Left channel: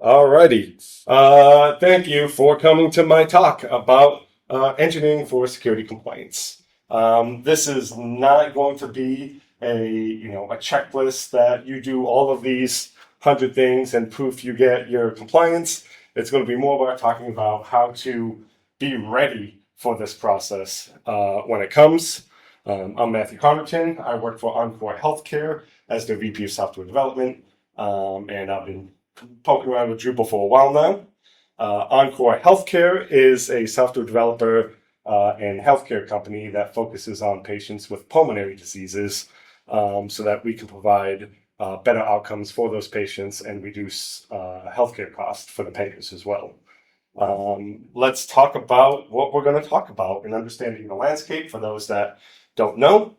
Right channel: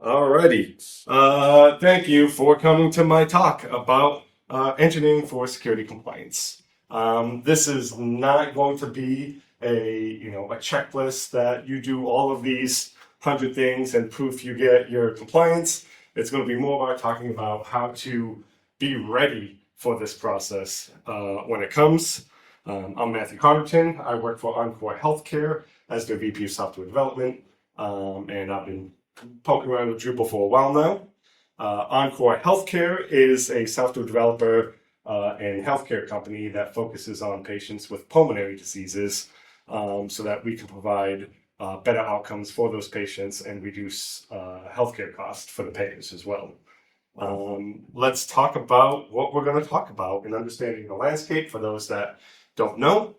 Alrighty. Thank you for coming to my talk about engineering for security compliance. This is not going to be a checklist that you do all of these 100 things and proof you get your compliance. It's going to be more about talking about how to be ready for this process when it comes. I'm Matthew Connerton. I work for Encore Healthcare as the VP of Software Development, and I've been poking around with Drupal for a while now. Encore Healthcare is a software developer and healthcare company that focuses on patients with pulmonary diseases so that we can provide better outcomes for those patients and reduce healthcare costs for the payers as well. Let's talk about what we're going to talk about in understanding the landscape for those that don't know.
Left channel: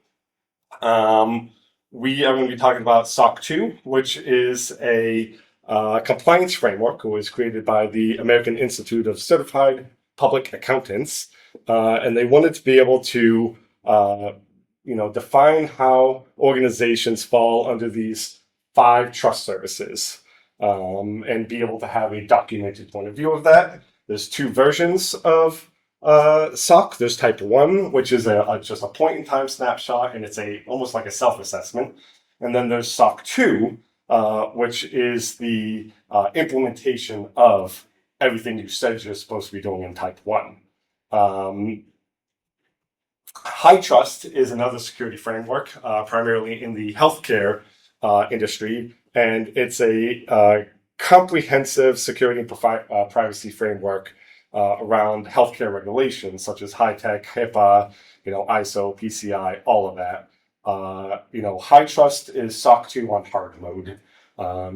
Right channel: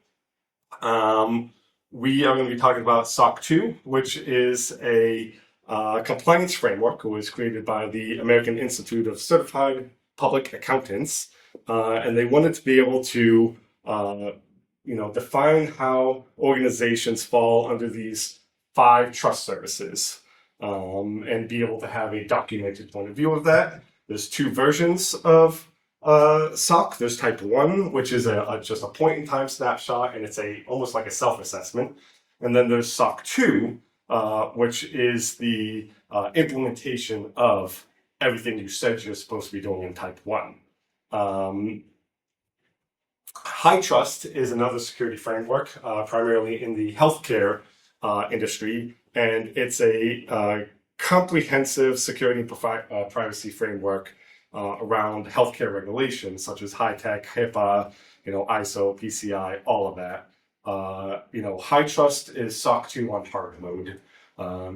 We are going to be talking about SOC 2, which is a compliance framework that was created by the American Institute of Certified Public Accountants, and they wanted to be able to, define how organizations fall under these 5 trust services, and be able to have a documented point of view of that. There's 2 versions of SOC. There's type 1, which is just a point-in-time snapshot, and it's almost like a self-assessment. And then there's SOC 2, which is the implementation of everything you said you're supposed to be doing in type 1. HITRUST is another security framework, primarily in the healthcare industry, and it's a comprehensive security and privacy framework around healthcare regulations such as high-tech, HIPAA, ISO, PCI, all of that. HITRUST is SOC 2 on hard mode,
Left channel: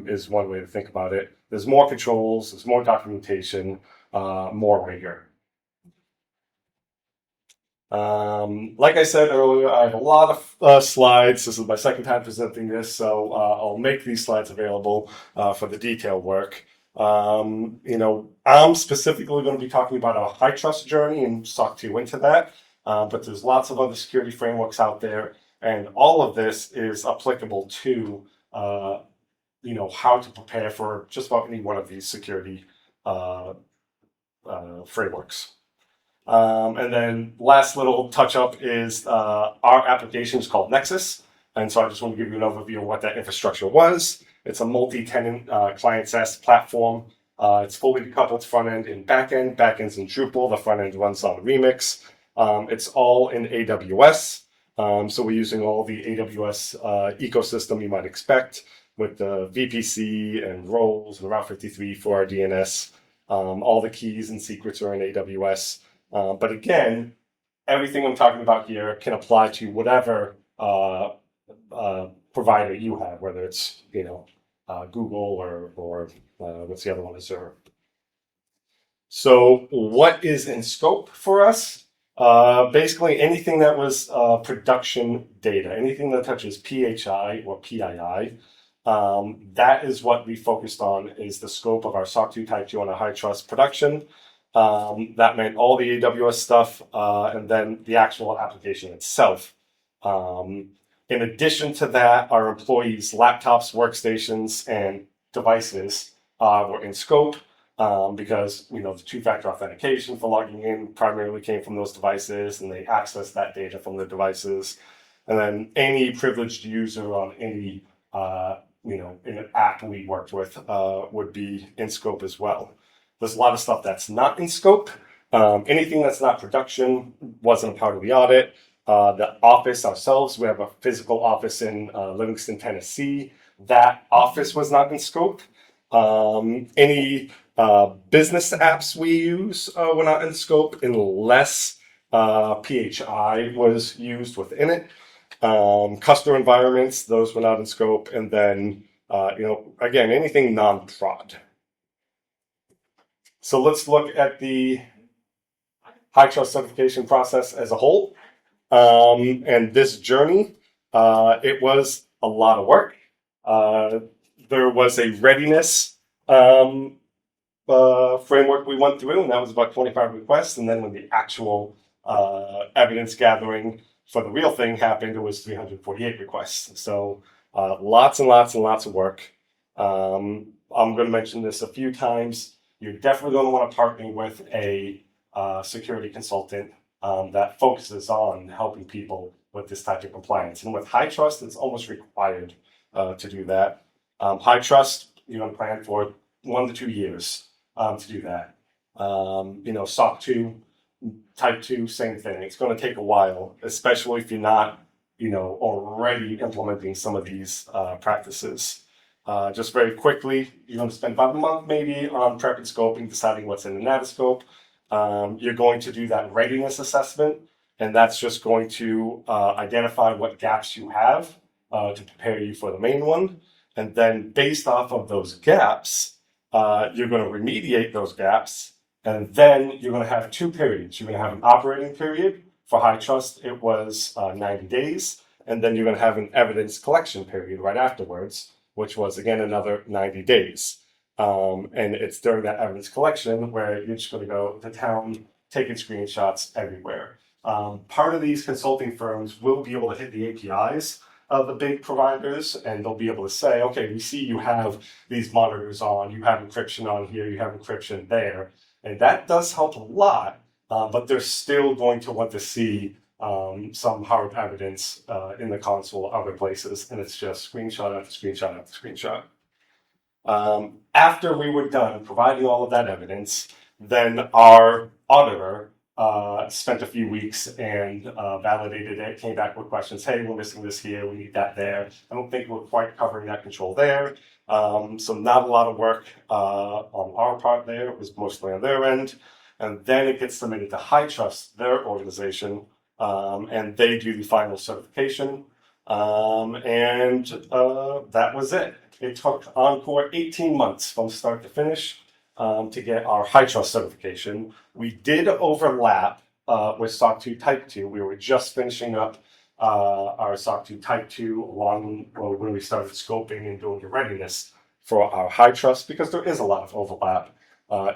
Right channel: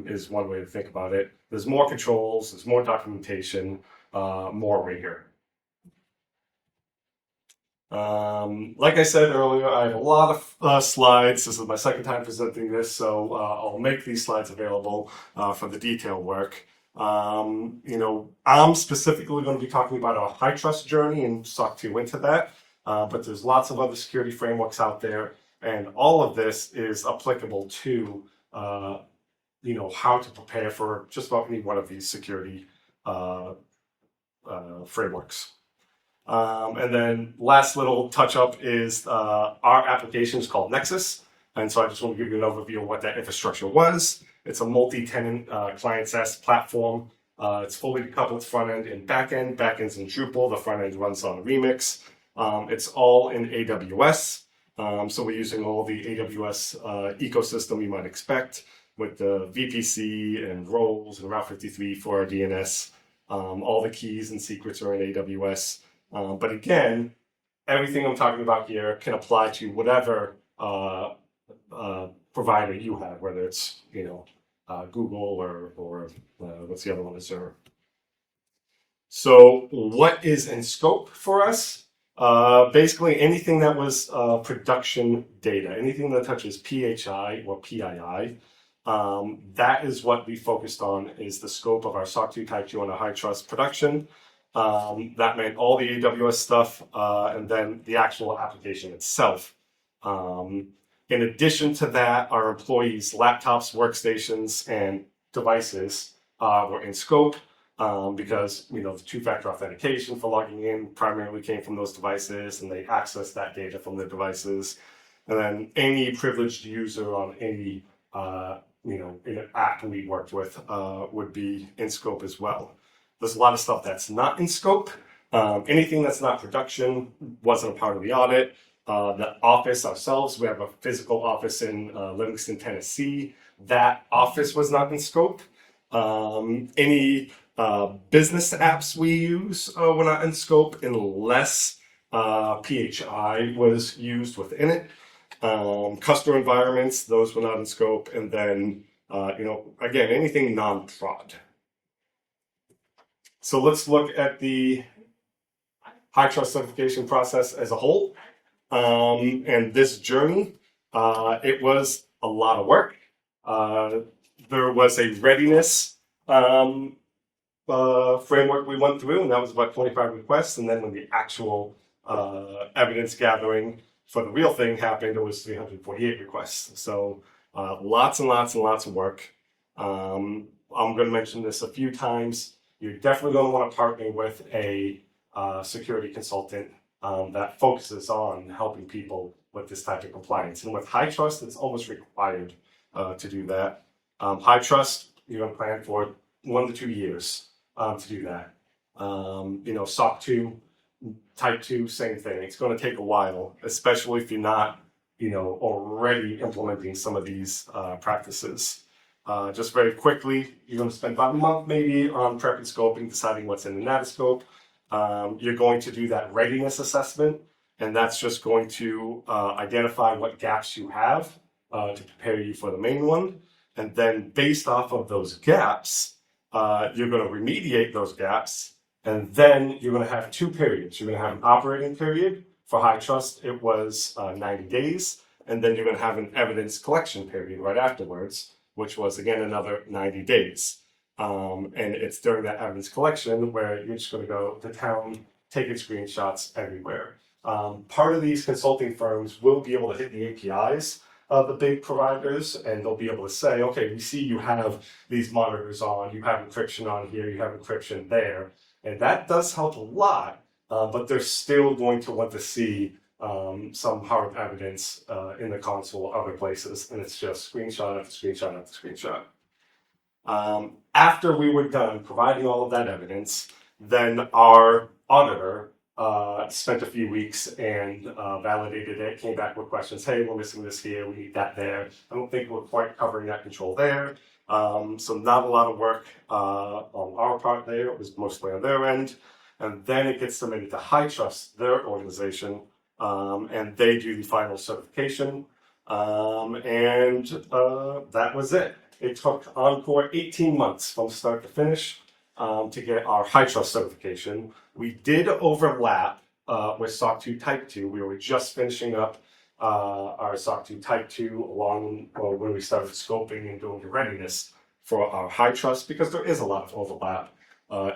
is one way to think about it. There's more controls, there's more documentation, more rigor. Like I said earlier, I have a lot of slides. This is my second time presenting this, so I'll make these slides available for the detailed work. I'm specifically going to be talking about our HITRUST journey and SOC 2 into that, but there's lots of other security frameworks out there, and all of this is applicable to, how to prepare for just about any one of these security frameworks. And then last little touch up is our application is called Nexus. And so I just want to give you an overview of what that infrastructure was. It's a multi-tenant client SaaS platform. It's fully decoupled front end and back end. Back end's in Drupal. The front end runs on Remix. It's all in AWS. So we're using all the AWS ecosystem you might expect with the VPC and roles and Route 53 for our DNS. All the keys and secrets are in AWS. But again, everything I'm talking about here can apply to whatever provider you have, whether it's Google or what's the other one, Azure. So what is in scope for us? Basically anything that was production data, anything that touches PHI or PII, that is what we focused on, is the scope of our SOC 2 Type 2 on a HITRUST production. That meant all the AWS stuff, and then the actual application itself. In addition to that, our employees' laptops, workstations, and devices were in scope, because the 2-factor authentication for logging in primarily came from those devices, and they accessed that data from the devices. And then any privileged user on any in an app we worked with would be in scope as well. There's a lot of stuff that's not in scope. Anything that's not production wasn't a part of the audit. The office ourselves, we have a physical office in Livingston, Tennessee. That office was not in scope. Any business apps we use were not in scope unless PHI was used within it. Customer environments, those were not in scope. And then, again, anything non-prod. So let's look at the HITRUST certification process as a whole. And this journey, it was a lot of work. There was a readiness framework we went through, and that was about 25 requests. And then when the actual evidence gathering for the real thing happened, it was 348 requests. So lots and lots and lots of work. I'm going to mention this a few times. You're definitely going to want to partner with a security consultant that focuses on helping people with this type of compliance. And with HITRUST, it's almost required to do that. HITRUST, you're going to plan for 1 to 2 years to do that. SOC 2, Type 2, same thing. It's going to take a while, especially if you're not, already implementing some of these practices. Just very quickly, you're going to spend about a month maybe on prep and scoping, deciding what's in the NEDCamp. You're going to do that readiness assessment, and that's just going to identify what gaps you have to prepare you for the main one. And then based off of those gaps, you're going to remediate those gaps. And then you're going to have 2 periods. You're going to have an operating period. For HITRUST, it was 90 days. And then you're going to have an evidence collection period right afterwards, which was, again, another 90 days. And it's during that evidence collection where you're just going to go to town, taking screenshots everywhere. Part of these consulting firms will be able to hit the APIs of the big providers, and they'll be able to say, okay, we see you have these monitors on, you have encryption on here, you have encryption there. And that does help a lot, but they're still going to want to see some hard evidence in the console or other places, and it's just screenshot after screenshot after screenshot. After we were done providing all of that evidence, then our auditor spent a few weeks and validated it, came back with questions. Hey, we're missing this here, we need that there. I don't think we're quite covering that control there. So not a lot of work on our part there. It was mostly on their end. And then it gets submitted to HITRUST, their organization, and they do the final certification. That was it. It took Encore 18 months from start to finish to get our HITRUST certification. We did overlap with SOC 2 Type 2. We were just finishing up our SOC 2 Type 2 when we started scoping and doing the readiness for our HITRUST, because there is a lot of overlap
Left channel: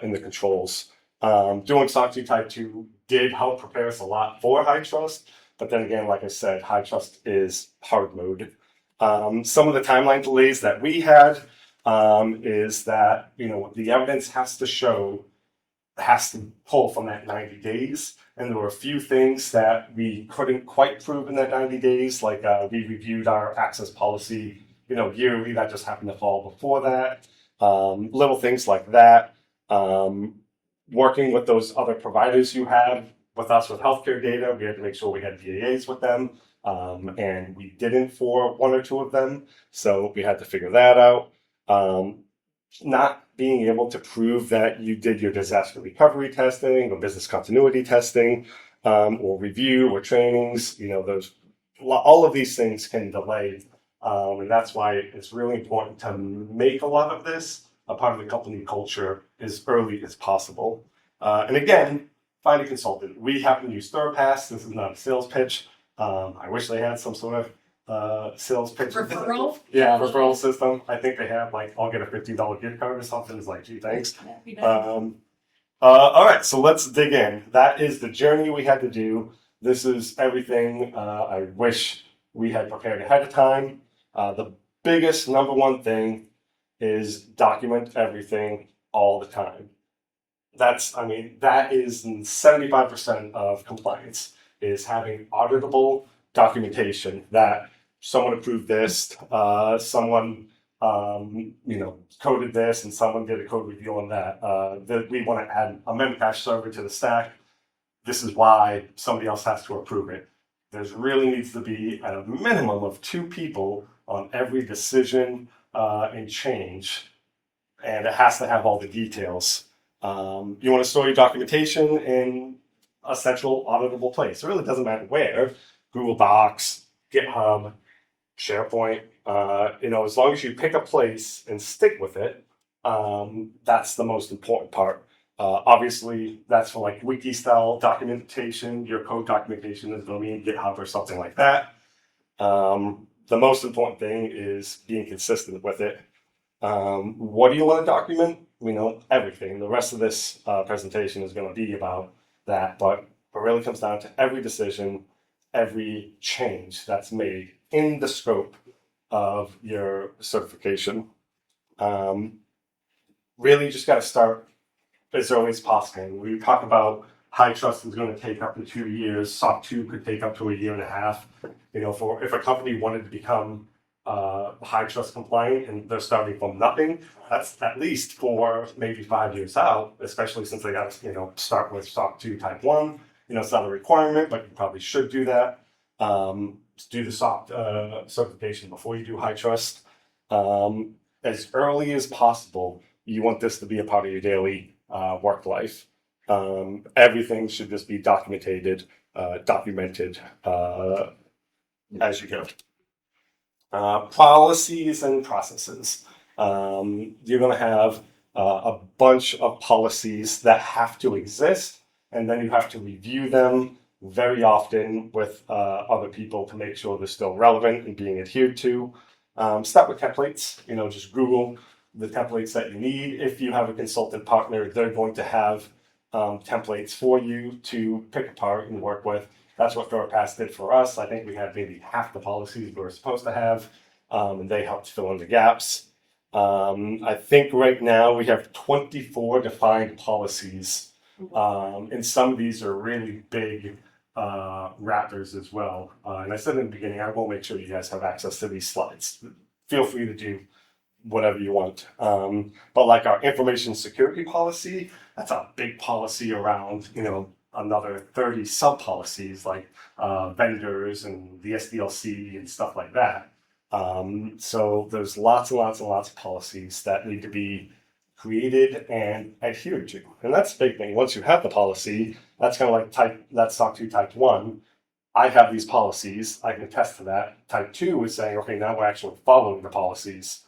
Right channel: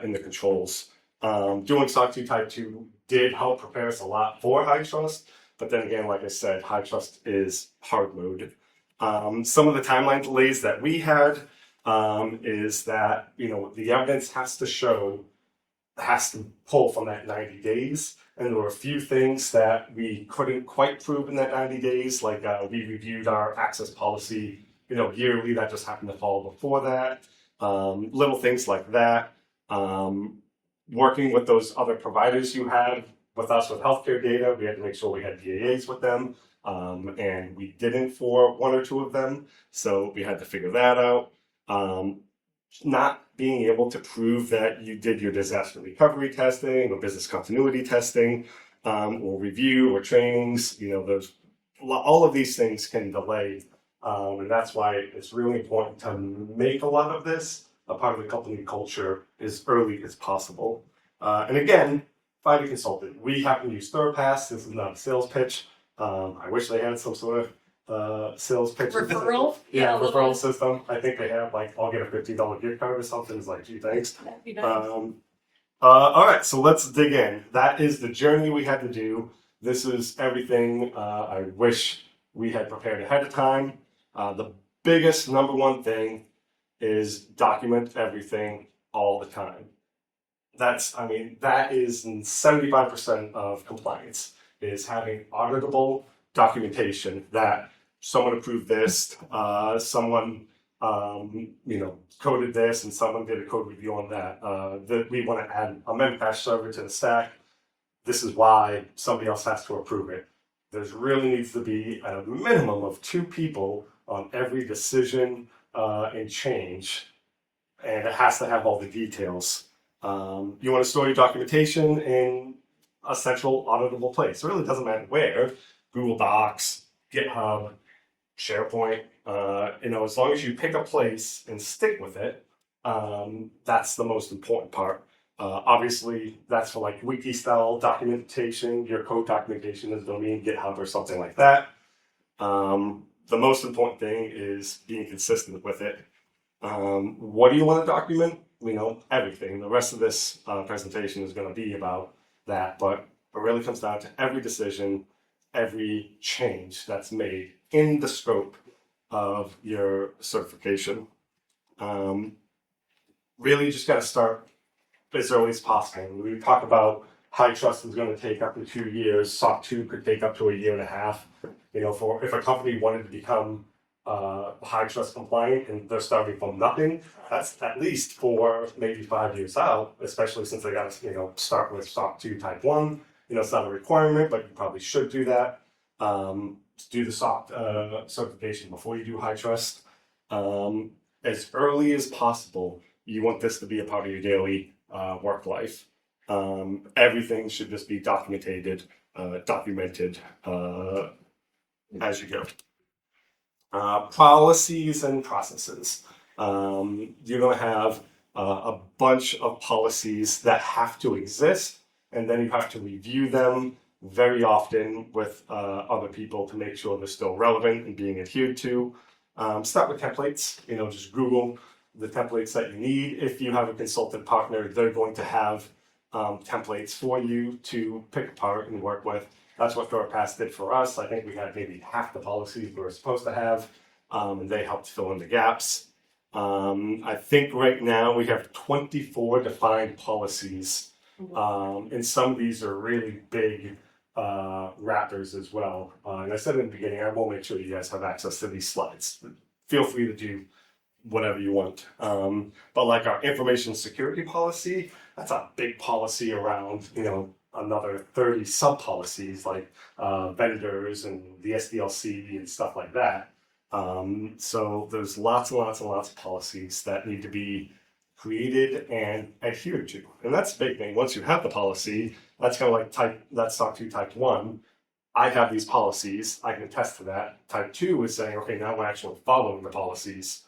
in the controls. Doing SOC 2 Type 2 did help prepare us a lot for HITRUST, but then again, like I said, HITRUST is hard mode. Some of the timeline delays that we had is that, the evidence has to pull from that 90 days. And there were a few things that we couldn't quite prove in that 90 days, like we reviewed our access policy, yearly. That just happened to fall before that. Little things like that. Working with those other providers you have with us with healthcare data, we had to make sure we had BAAs with them. And we didn't for 1 or 2 of them. So we had to figure that out. Not being able to prove that you did your disaster recovery testing or business continuity testing, or review or trainings, all of these things can delay. And that's why it's really important to make a lot of this a part of the company culture as early as possible. And again, find a consultant. We happen to use ThirdPass. This is not a sales pitch. I wish they had some sort of sales pitch. Referral? Yeah, referral system. I think they have, I'll get a $50 gift card or something. It's like, gee, thanks. All right, so let's dig in. That is the journey we had to do. This is everything I wish we had prepared ahead of time. The biggest number one thing is document everything all the time. That is 75% of compliance, is having auditable documentation that someone approved this, someone coded this, and someone did a code review on that. That we want to add a Memcache server to the stack. This is why somebody else has to approve it. There really needs to be at a minimum of 2 people on every decision and change, and it has to have all the details. You want to store your documentation in a central auditable place. It really doesn't matter where. Google Docs, GitHub, SharePoint. As long as you pick a place and stick with it, that's the most important part. Obviously, that's for wiki style documentation. Your code documentation is going to be in GitHub or something like that. The most important thing is being consistent with it. What do you want to document? Everything. The rest of this presentation is going to be about that, but it really comes down to every decision, every change that's made in the scope of your certification. Really just got to start as early as possible. We talk about HITRUST is going to take up to 2 years. SOC 2 could take up to a year and a half. For if a company wanted to become HITRUST compliant and they're starting from nothing, that's at least 4, maybe 5 years out. Especially since they got to start with SOC 2 Type 1. It's not a requirement, but you probably should do that. Do the SOC certification before you do HITRUST. As early as possible, you want this to be a part of your daily work life. Everything should just be documented as you go. Policies and processes. You're going to have a bunch of policies that have to exist, and then you have to review them very often with other people to make sure they're still relevant and being adhered to. Start with templates. Just Google the templates that you need. If you have a consultant partner, they're going to have templates for you to pick apart and work with. That's what ThirstPass did for us. I think we had maybe half the policies we were supposed to have, and they helped fill in the gaps. I think right now we have 24 defined policies, and some of these are really big wrappers as well. And I said in the beginning, I will make sure you guys have access to these slides. Feel free to do whatever you want. But like our information security policy, that's a big policy around, another 30 sub policies like vendors and the SDLC and stuff like that. So there's lots and lots and lots of policies that need to be created and adhered to. And that's the big thing. Once you have the policy, that's kind of like that's SOC 2 Type 1. I have these policies, I can attest to that. Type 2 is saying, okay, now we're actually following the policies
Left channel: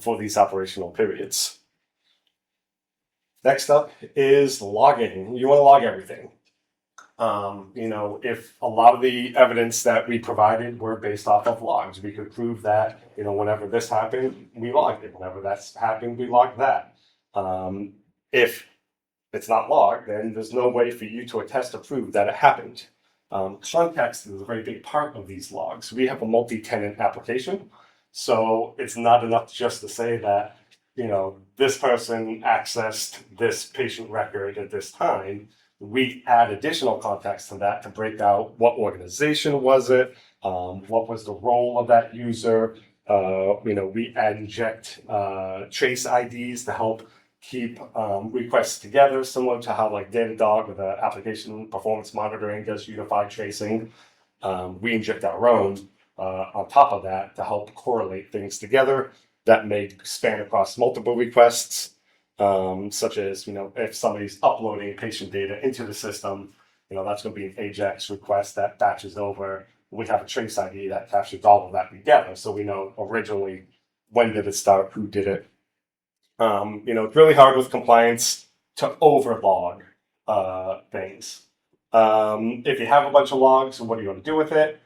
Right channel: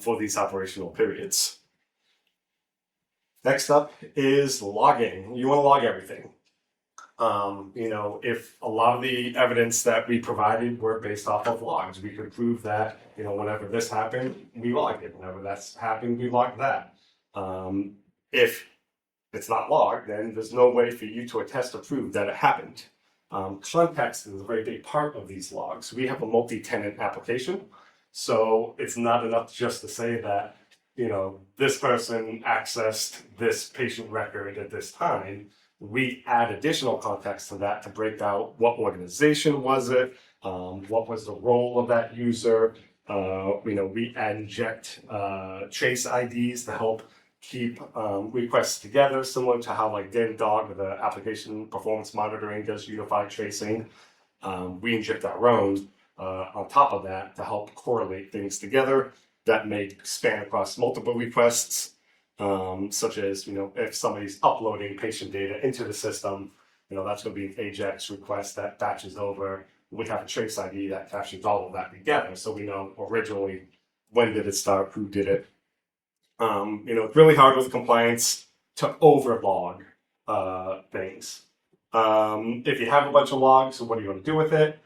for these operational periods. Next up is logging. You want to log everything. If a lot of the evidence that we provided were based off of logs, we could prove that, whenever this happened, we logged it. Whenever that's happened, we logged that. If it's not logged, then there's no way for you to attest to prove that it happened. Context is a very big part of these logs. We have a multi-tenant application, so it's not enough just to say that, this person accessed this patient record at this time. We add additional context to that to break out what organization was it, what was the role of that user. We inject trace IDs to help keep requests together, similar to how like Datadog with the application performance monitoring does unified tracing. We inject our own on top of that to help correlate things together that may span across multiple requests, such as, if somebody's uploading patient data into the system, that's going to be an AJAX request that batches over. We have a trace ID that captures all of that together, so we know originally when did it start, who did it. It's really hard with compliance to overlog things. If you have a bunch of logs, what are you going to do with it?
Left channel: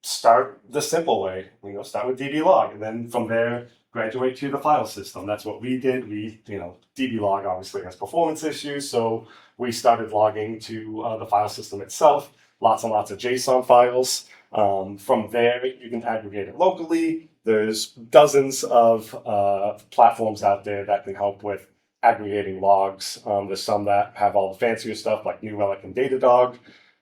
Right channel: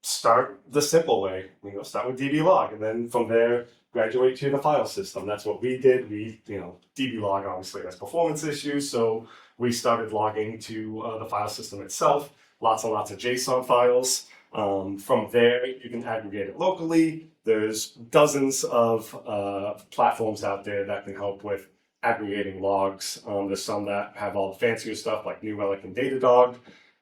Start the simple way. Start with DB log, and then from there, graduate to the file system. That's what we did. DB log obviously has performance issues, so we started logging to the file system itself. Lots and lots of JSON files. From there, you can aggregate it locally. There's dozens of platforms out there that can help with aggregating logs. There's some that have all the fancier stuff like New Relic and Datadog.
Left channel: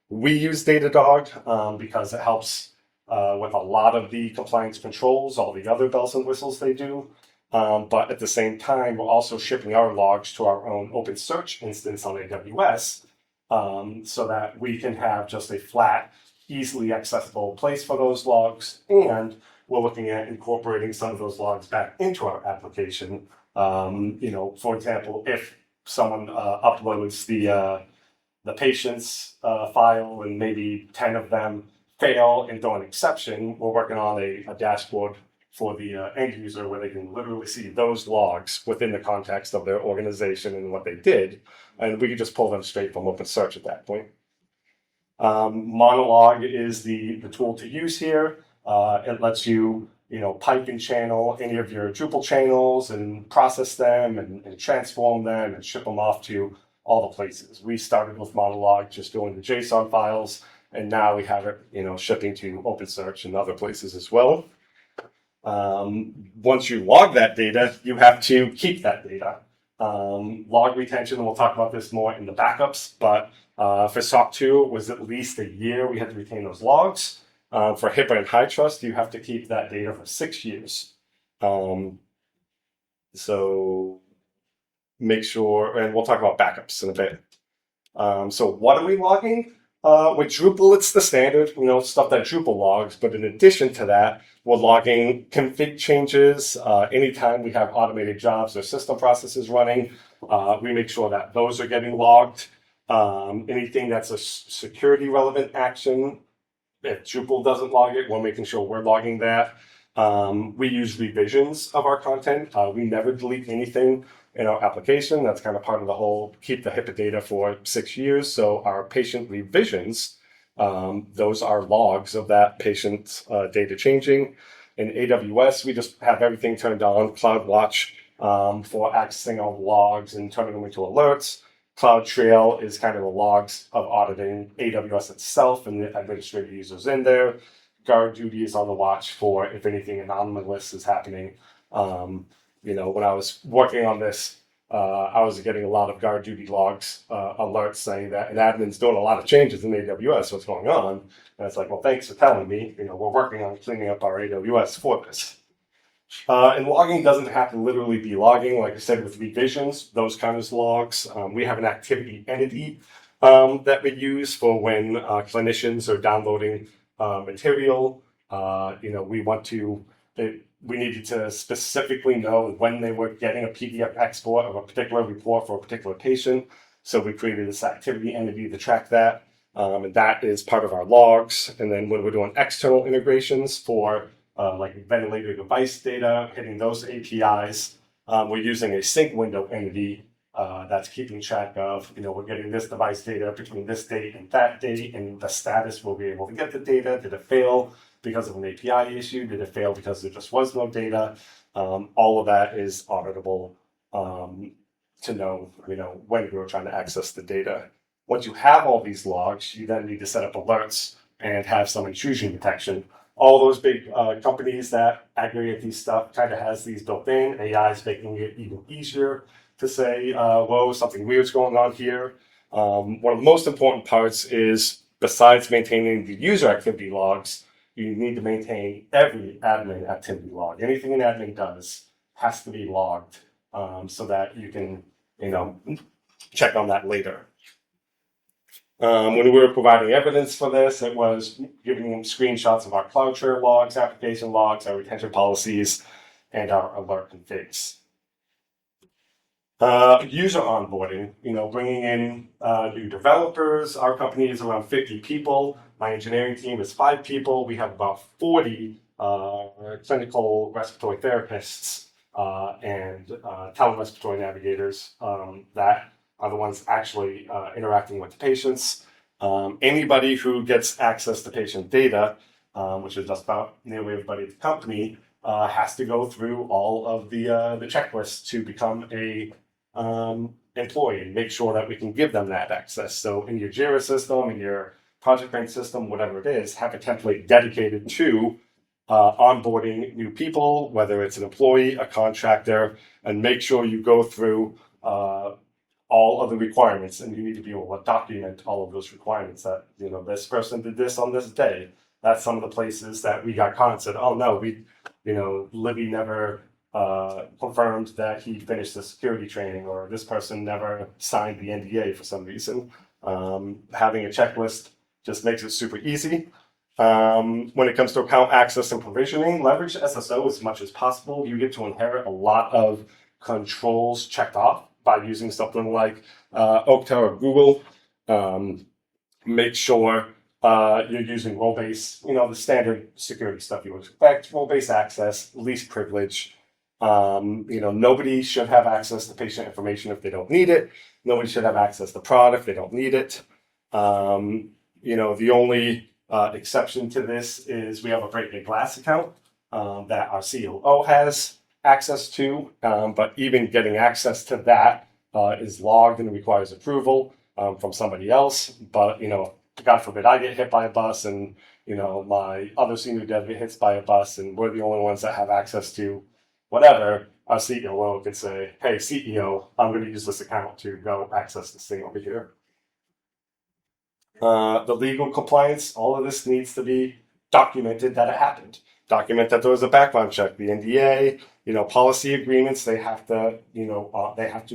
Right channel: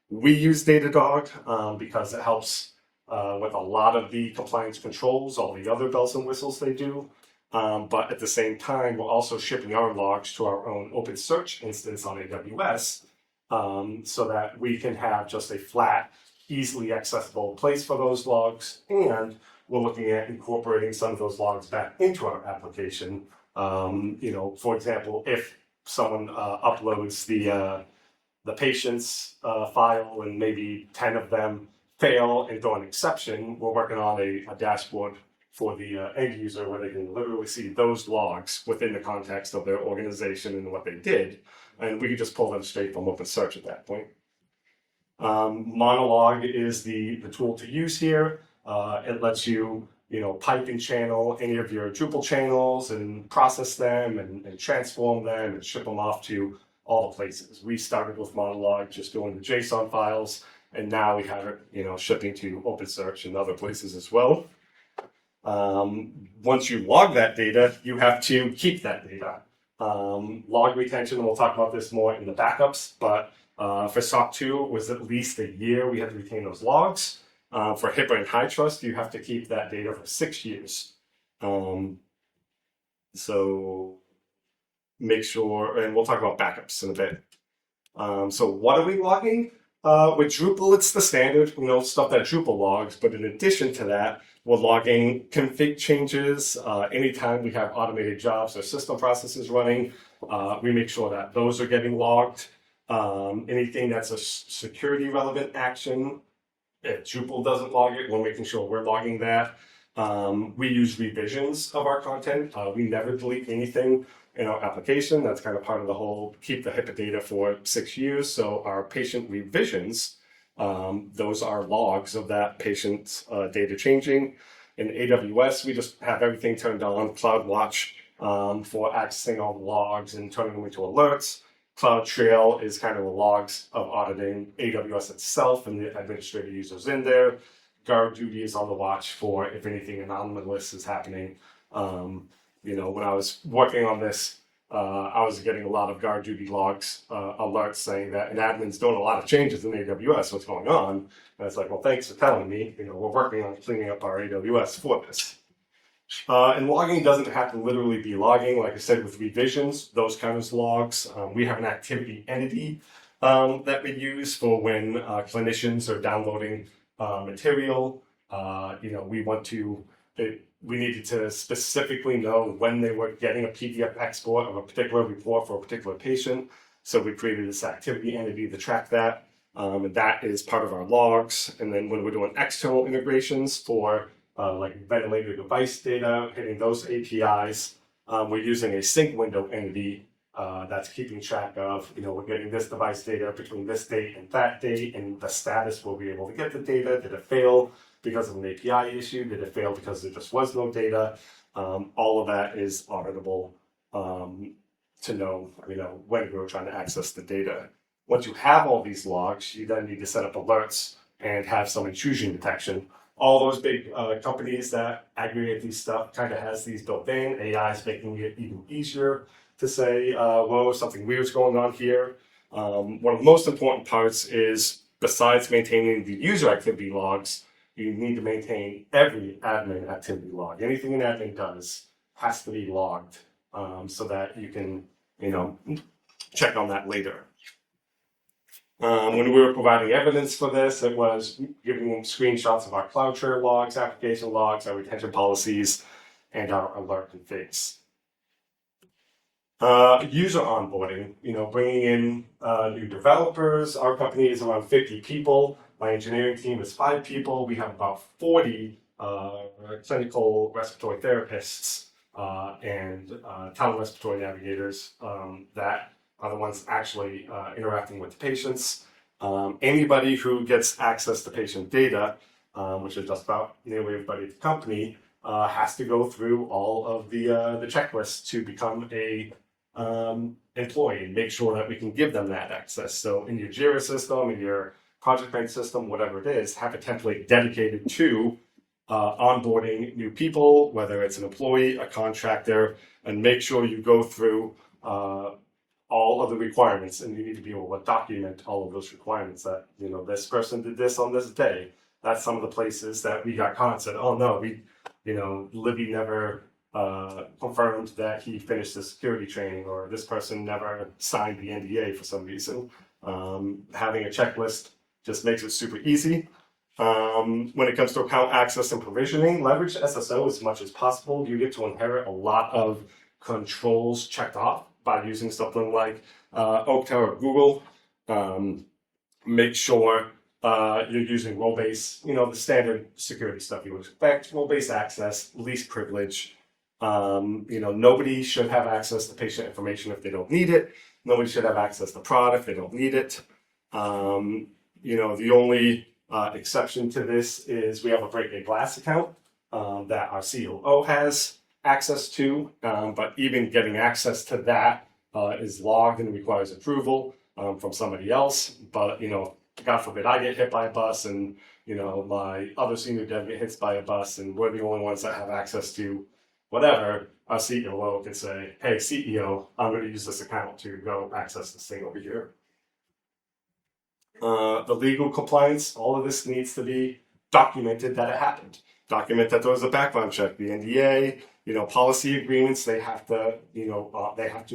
We use Datadog because it helps with a lot of the compliance controls, all the other bells and whistles they do. But at the same time, we're also shipping our logs to our own OpenSearch instance on AWS so that we can have just a flat, easily accessible place for those logs. And we're looking at incorporating some of those logs back into our application. For example, if someone uploads the patient's file and maybe 10 of them fail and throw an exception, we're working on a dashboard for the end user where they can literally see those logs within the context of their organization and what they did. And we can just pull them straight from OpenSearch at that point. Monolog is the tool to use here. It lets you, pipe and channel any of your Drupal channels and process them and transform them and ship them off to all the places. We started with Monolog just doing the JSON files, and now we have it, shipping to OpenSearch and other places as well. Once you log that data, you have to keep that data. Log retention, and we'll talk about this more in the backups, but for SOC 2, it was at least a year we had to retain those logs. For HIPAA and HITRUST, you have to keep that data for 6 years. So make sure, and we'll talk about backups in a bit. So what are we logging? With Drupal, it's the standard, stuff that Drupal logs, but in addition to that, we're logging config changes. Anytime we have automated jobs or system processes running, we make sure that those are getting logged. Anything that's a security relevant action, if Drupal doesn't log it, we're making sure we're logging that. We use revisions of our content. We never delete anything in our application. That's kind of part of the whole keep the HIPAA data for 6 years. So our patient revisions, those are logs of that patient data changing. In AWS, we just have everything turned on, CloudWatch for accessing all the logs and turning them into alerts. CloudTrail is kind of the logs of auditing AWS itself and the administrative users in there. GuardDuty is on the watch for if anything anomalous is happening. When I was working on this, I was getting a lot of GuardDuty logs, alerts saying that an admin's doing a lot of changes in AWS, what's going on? And it's like, well, thanks for telling me. We're working on cleaning up our AWS for this. And logging doesn't have to literally be logging. Like I said, with revisions, those kind of logs. We have an activity entity that we use for when clinicians are downloading material. We needed to specifically know when they were getting a PDF export of a particular report for a particular patient. So we created this activity entity to track that. And that is part of our logs. And then when we're doing external integrations for like ventilator device data, hitting those APIs, we're using a sync window entity that's keeping track of, we're getting this device data between this date and that date, and the status will be able to get the data. Did it fail because of an API issue? Did it fail because there just was no data? All of that is auditable to know, when we were trying to access the data. Once you have all these logs, you then need to set up alerts and have some intrusion detection. All those big companies that aggregate these stuff kind of has these built in. AI is making it even easier to say, whoa, something weird's going on here. One of the most important parts is, besides maintaining the user activity logs, you need to maintain every admin activity log. Anything an admin does has to be logged so that you can, check on that later. When we were providing evidence for this, it was giving them screenshots of our CloudTrail logs, application logs, our retention policies, and our alert configs. User onboarding, bringing in new developers. Our company is around 50 people. My engineering team is 5 people. We have about 40 clinical respiratory therapists and telerespiratory navigators that are the ones actually interacting with the patients. Anybody who gets access to patient data, which is just about nearly everybody at the company, has to go through all of the checklists to become a employee, make sure that we can give them that access. So in your Jira system, in your project bank system, whatever it is, have a template dedicated to onboarding new people, whether it's an employee, a contractor, and make sure you go through all of the requirements, and you need to be able to document all of those requirements that, this person did this on this day. That's some of the places that we got caught and said, oh no, Libby never confirmed that he finished the security training, or this person never signed the NDA for some reason. Having a checklist just makes it super easy. When it comes to account access and provisioning, leverage SSO as much as possible. You get to inherit a lot of controls checked off by using something like Okta or Google. Make sure you're using role-based, the standard security stuff you would expect, role-based access, least privilege. Nobody should have access to patient information if they don't need it. Nobody should have access to prod if they don't need it. The only exception to this is we have a Break Glass account that our COO has access to, but even getting access to that is logged and requires approval from somebody else. But God forbid I get hit by a bus and my other senior dev gets hit by a bus and we're the only ones that have access to whatever, our CEO could say, hey, CEO, I'm going to use this account to go access this thing over here. The legal compliance, all of this needs to be documented that it happened. Document that there was a background check, the NDA, policy agreements, they have to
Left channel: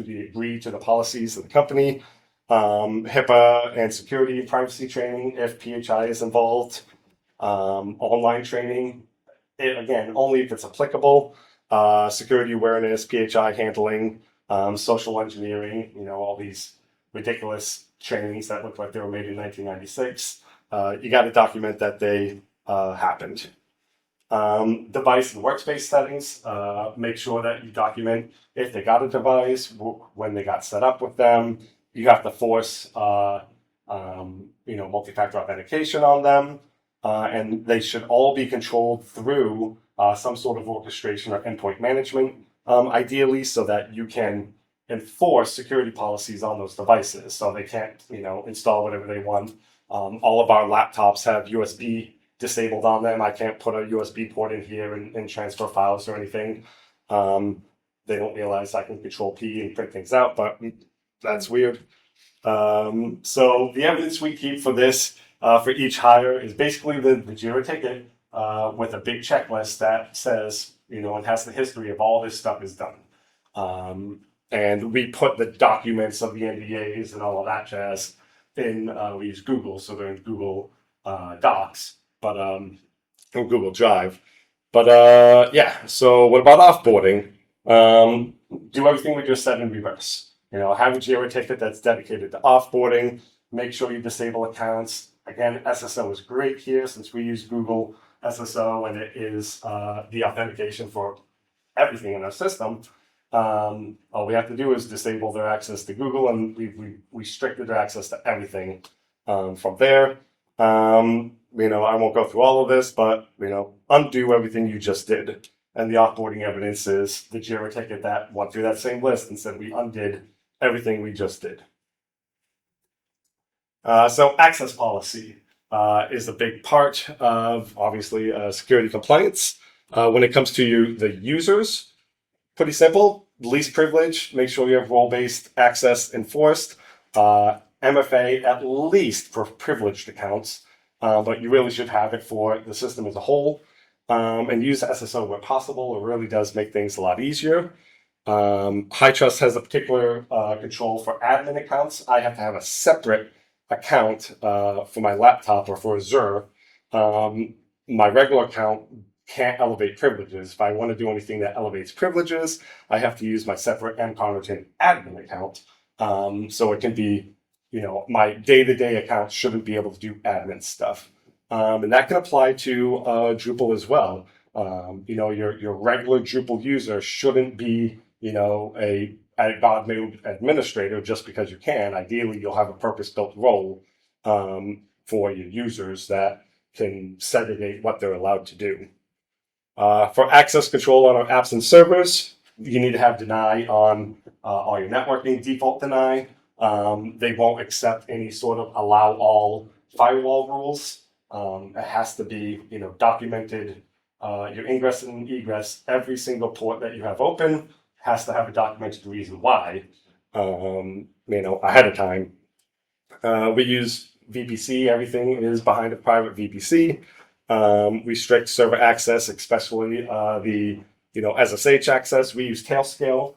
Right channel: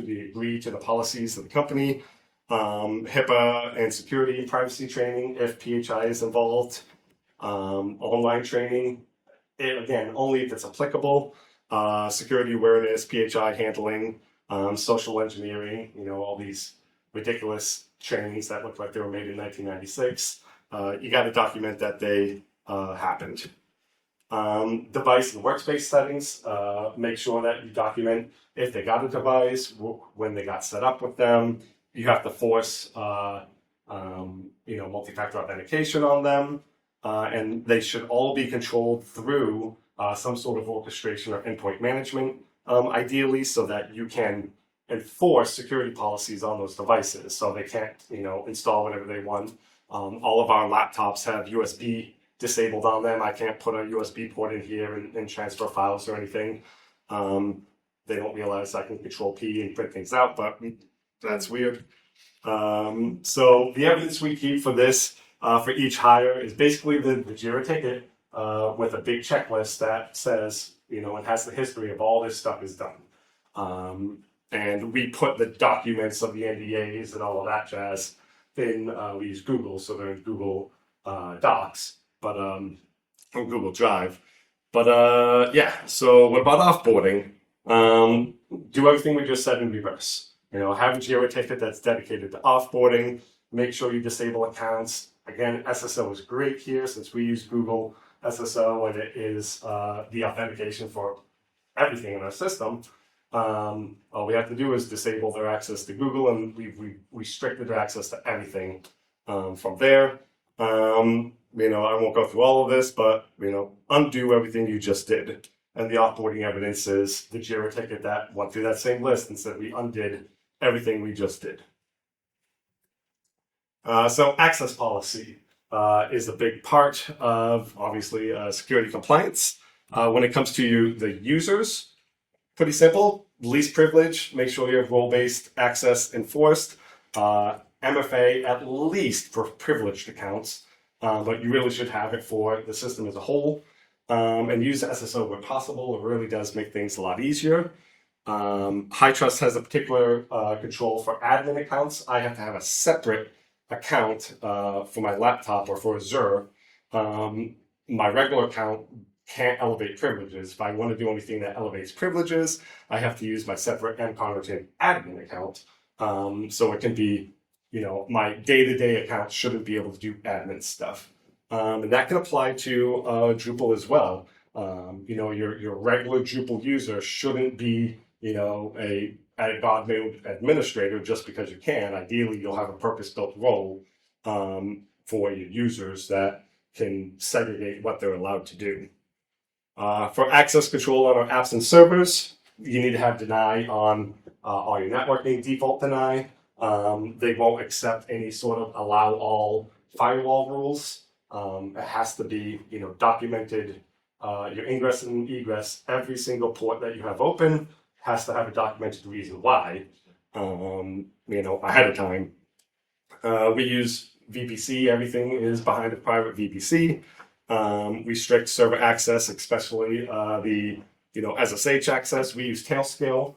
be agreed to the policies of the company. HIPAA and security and privacy training, if PHI is involved. Online training, again, only if it's applicable. Security awareness, PHI handling, social engineering, all these ridiculous trainings that look like they were made in 1996. You got to document that they happened. Device and workspace settings, make sure that you document if they got a device, when they got set up with them. You have to force, multi-factor authentication on them, and they should all be controlled through some sort of orchestration or endpoint management, ideally, so that you can enforce security policies on those devices, so they can't, install whatever they want. All of our laptops have USB disabled on them. I can't put a USB port in here and transfer files or anything. They don't realize I can control P and print things out, but that's weird. So the evidence we keep for this, for each hire, is basically the JIRA ticket with a big checklist that says, and has the history of all this stuff is done. And we put the documents of the NDAs and all of that jazz in, we use Google, so they're in Google Docs, but from Google Drive. But so what about offboarding? Do everything we just said in reverse. Have a JIRA ticket that's dedicated to offboarding. Make sure you disable accounts. Again, SSO is great here since we use Google SSO and it is the authentication for everything in our system. All we have to do is disable their access to Google, and we restricted their access to everything from there. I won't go through all of this, but undo everything you just did. And the offboarding evidence is the JIRA ticket that went through that same list and said we undid everything we just did. So access policy is a big part of, obviously, security compliance. When it comes to the users, pretty simple. Least privilege, make sure you have role-based access enforced. MFA at least for privileged accounts, but you really should have it for the system as a whole. And use the SSO where possible. It really does make things a lot easier. HITRUST has a particular control for admin accounts. I have to have a separate account for my laptop or for Azure. My regular account can't elevate privileges. If I want to do anything that elevates privileges, I have to use my separate Connerton admin account. So it can be, my day-to-day account shouldn't be able to do admin stuff. And that can apply to Drupal as well. Your regular Drupal user shouldn't be, a God mode administrator just because you can. Ideally, you'll have a purpose-built role for your users that can segregate what they're allowed to do. For access control on our apps and servers, you need to have deny on all your networking, default deny. They won't accept any sort of allow all firewall rules. It has to be, documented. Your ingress and egress, every single port that you have open has to have a documented reason why, ahead of time. We use VPC. Everything is behind a private VPC. Restrict server access, especially the SSH access. We use Tailscale.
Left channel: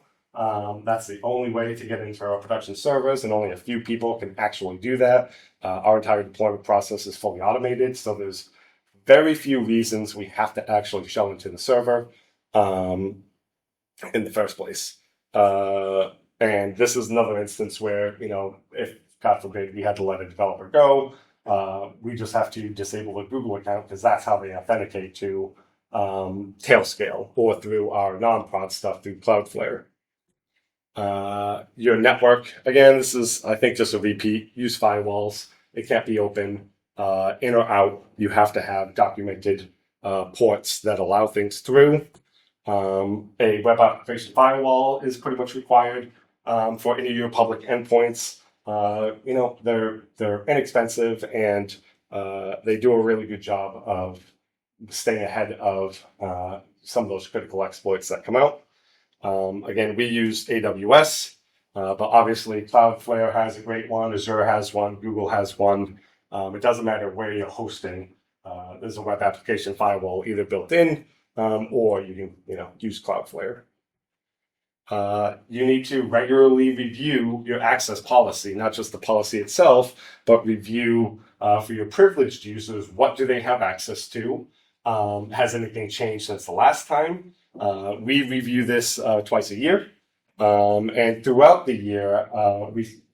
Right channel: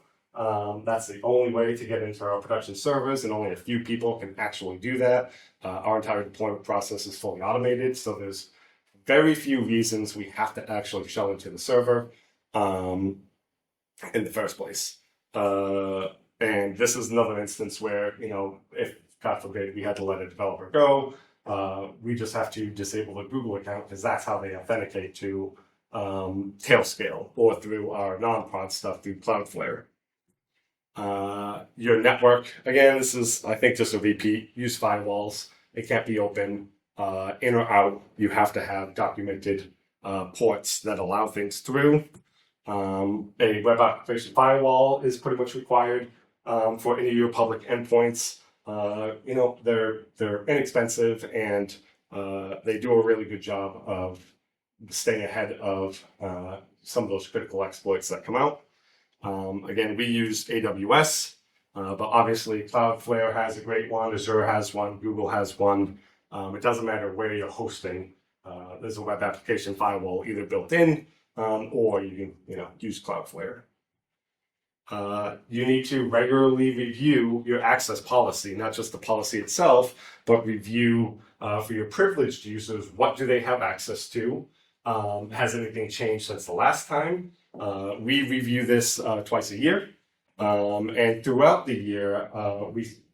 That's the only way to get into our production servers, and only a few people can actually do that. Our entire deployment process is fully automated, so there's very few reasons we have to actually show into the server in the first place. And this is another instance where, if, God forbid, we had to let a developer go, we just have to disable the Google account because that's how they authenticate to Tailscale or through our non-prod stuff through Cloudflare. Your network, again, this is, I think, just a repeat. Use firewalls. It can't be open in or out. You have to have documented ports that allow things through. A web application firewall is pretty much required for any of your public endpoints. They're inexpensive and they do a really good job of staying ahead of some of those critical exploits that come out. Again, we use AWS, but obviously Cloudflare has a great one, Azure has one, Google has one. It doesn't matter where you're hosting. There's a web application firewall either built in or you can use Cloudflare. You need to regularly review your access policy, not just the policy itself, but review for your privileged users, what do they have access to? Has anything changed since the last time? We review this twice a year. And throughout the year,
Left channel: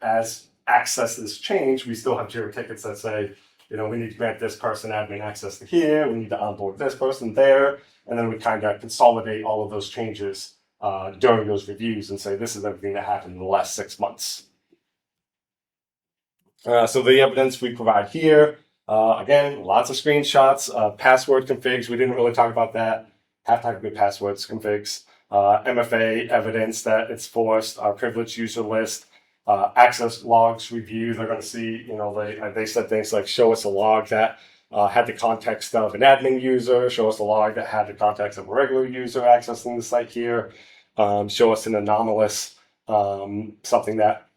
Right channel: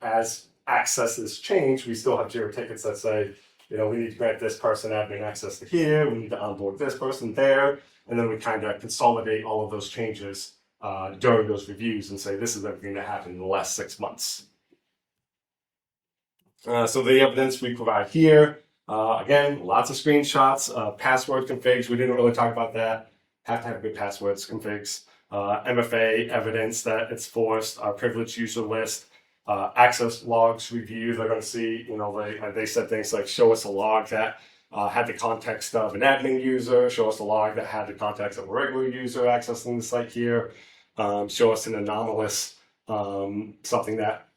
as accesses change, we still have JIRA tickets that say, we need to grant this person admin access to here, we need to onboard this person there, and then we kind of consolidate all of those changes during those reviews and say, this is everything that happened in the last 6 months. So the evidence we provide here, again, lots of screenshots, password configs, we didn't really talk about that, have to have good passwords configs, MFA evidence that it's forced, our privileged user list, access logs review. They're going to see, they said things like show us a log that had the context of an admin user, show us a log that had the context of a regular user accessing the site here, show us an anomalous, something that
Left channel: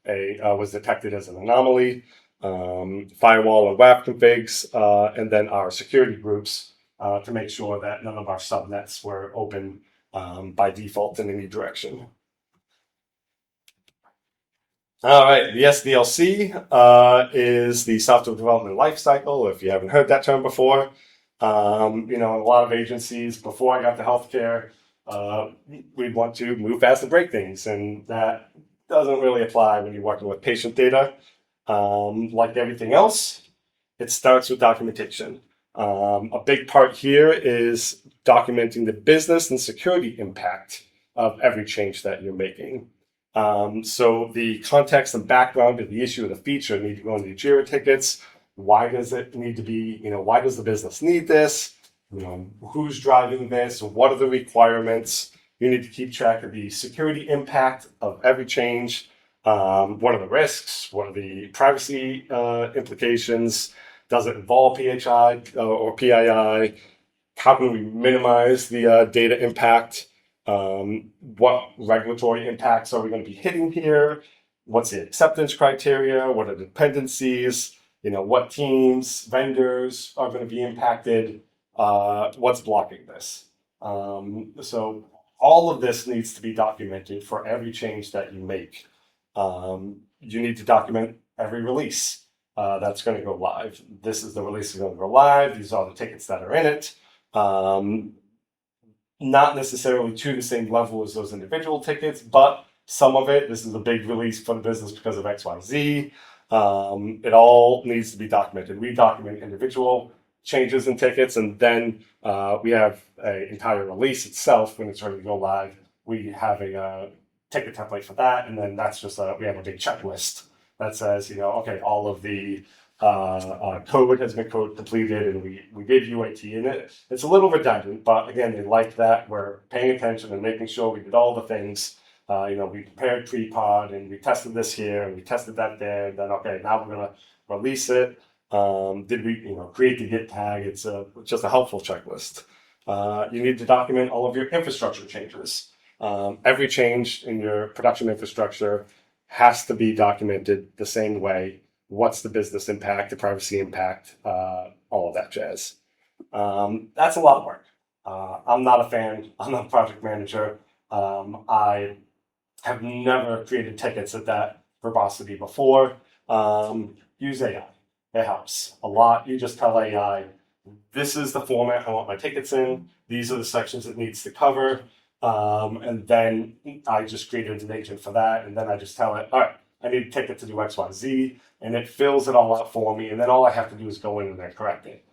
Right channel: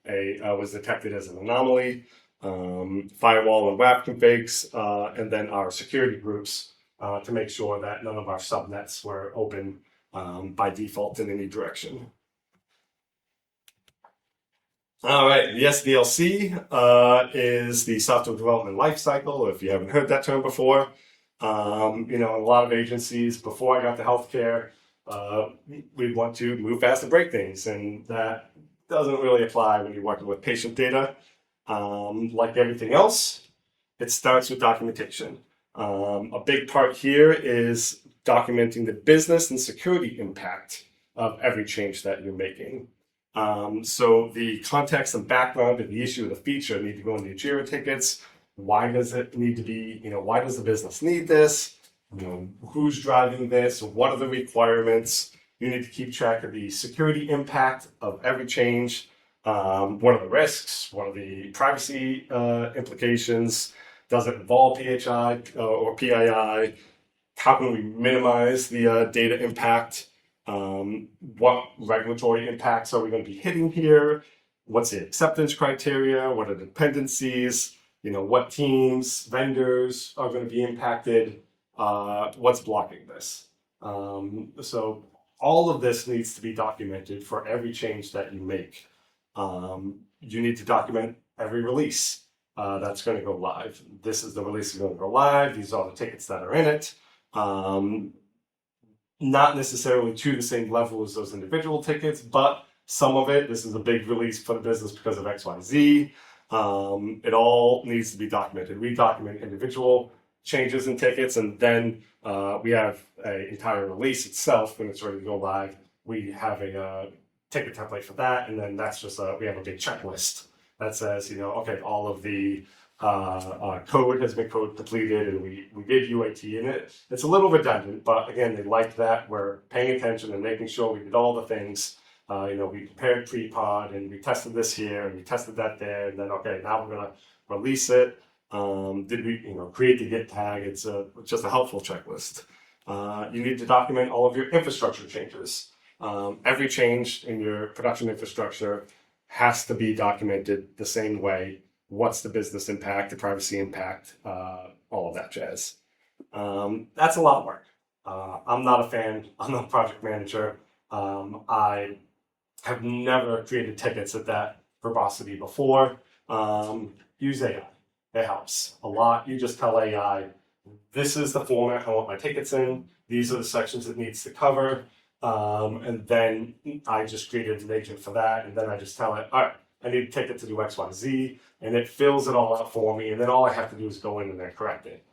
was detected as an anomaly, firewall and WAF configs, and then our security groups to make sure that none of our subnets were open by default in any direction. All right, the SDLC is the software development lifecycle. If you haven't heard that term before, a lot of agencies before I got to healthcare, we'd want to move fast and break things, and that doesn't really apply when you're working with patient data. Like everything else, it starts with documentation. A big part here is documenting the business and security impact of every change that you're making. So the context and background of the issue and the feature need to go in the JIRA tickets. Why does it need to be, why does the business need this? Who's driving this? What are the requirements? You need to keep track of the security impact of every change. What are the risks? What are the privacy implications? Does it involve PHI or PII? How can we minimize the data impact? What regulatory impacts are we going to be hitting here? What's the acceptance criteria? What are the dependencies? What teams, vendors are going to be impacted? What's blocking this? So all of this needs to be documented for every change that you make. You need to document every release that's going to go live. This is the release that's going to go live. These are the tickets that are in it. Not necessarily to the same level as those individual tickets, but some of it, this is a big release for the business because of XYZ. It all needs to be documented. We document individual changes in tickets, and then we have an entire release itself when it's ready to go live. We have a ticket template for that, and then that's just we have a big checklist that says, okay, all of the code has been code completed, and we did UAT in it. It's a little redundant, but again, they like that. We're paying attention and making sure we did all the things. We prepared pre-pod, and we tested this here, and we tested that there, and then, okay, now we're going to release it. Did we, create the Git tag? It's just a helpful checklist. You need to document all of your infrastructure changes. Every change in your production infrastructure has to be documented the same way. What's the business impact, the privacy impact, all of that jazz. That's a lot of work. I'm not a fan. I'm not a project manager. I have never created tickets at that verbosity before. Use AI. It helps a lot. You just tell AI, this is the format I want my tickets in. These are the sections it needs to cover. And then I just created an agent for that. And then I just tell it, all right, I need a ticket to do X, Y, Z. And it fills it all out for me. And then all I have to do is go in and then correct it.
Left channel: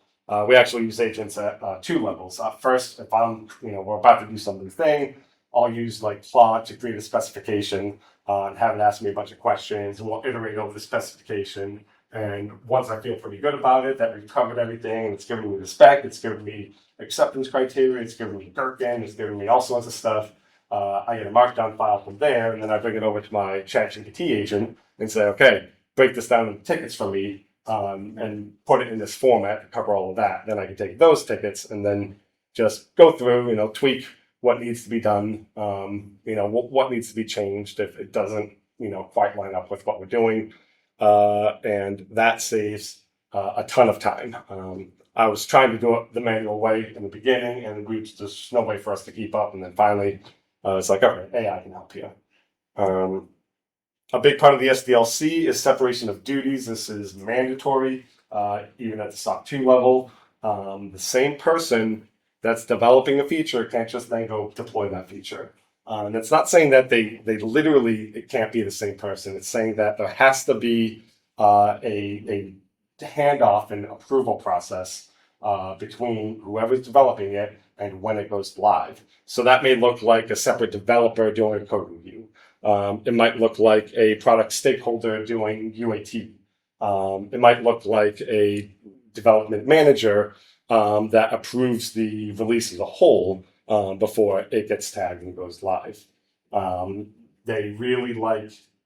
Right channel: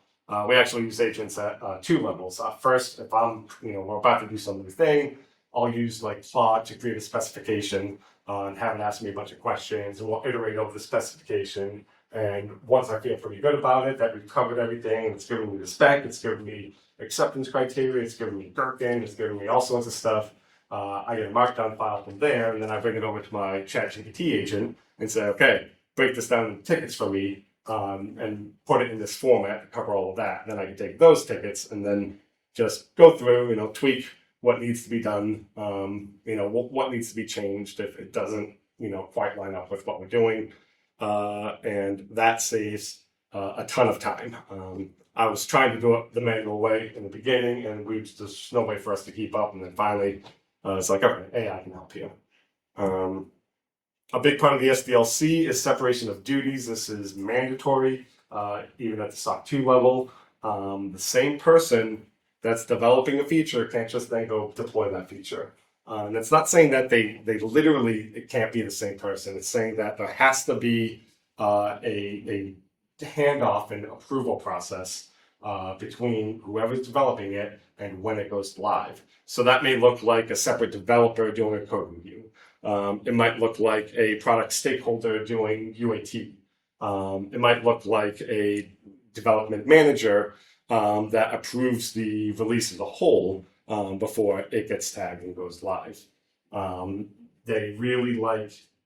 We actually use agents at 2 levels. First, if I'm, we're about to do some new thing, I'll use like Claude to create a specification and have it ask me a bunch of questions, and we'll iterate over the specification. And once I feel pretty good about it, that we've covered everything, and it's giving me the spec, it's giving me acceptance criteria, it's giving me Gherkin, it's giving me all sorts of stuff. I get a markdown file from there, and then I bring it over to my ChatGPT agent and say, okay, break this down into tickets for me. and put it in this format to cover all of that. Then I can take those tickets and then just go through, tweak what needs to be done, what needs to be changed if it doesn't, quite line up with what we're doing. And that saves a ton of time. I was trying to do it the manual way in the beginning, and there's no way for us to keep up. And then finally, it's like, okay, AI can help you. A big part of the SDLC is separation of duties. This is mandatory, even at the SOC 2 level. The same person that's developing a feature can't just then go deploy that feature. And it's not saying that they literally, it can't be the same person. It's saying that there has to be a handoff and approval process between whoever's developing it and when it goes live. So that may look like a separate developer doing a code review. It might look like a product stakeholder doing UAT. It might look like a development manager that approves the release as a whole before it gets tagged and goes live. They really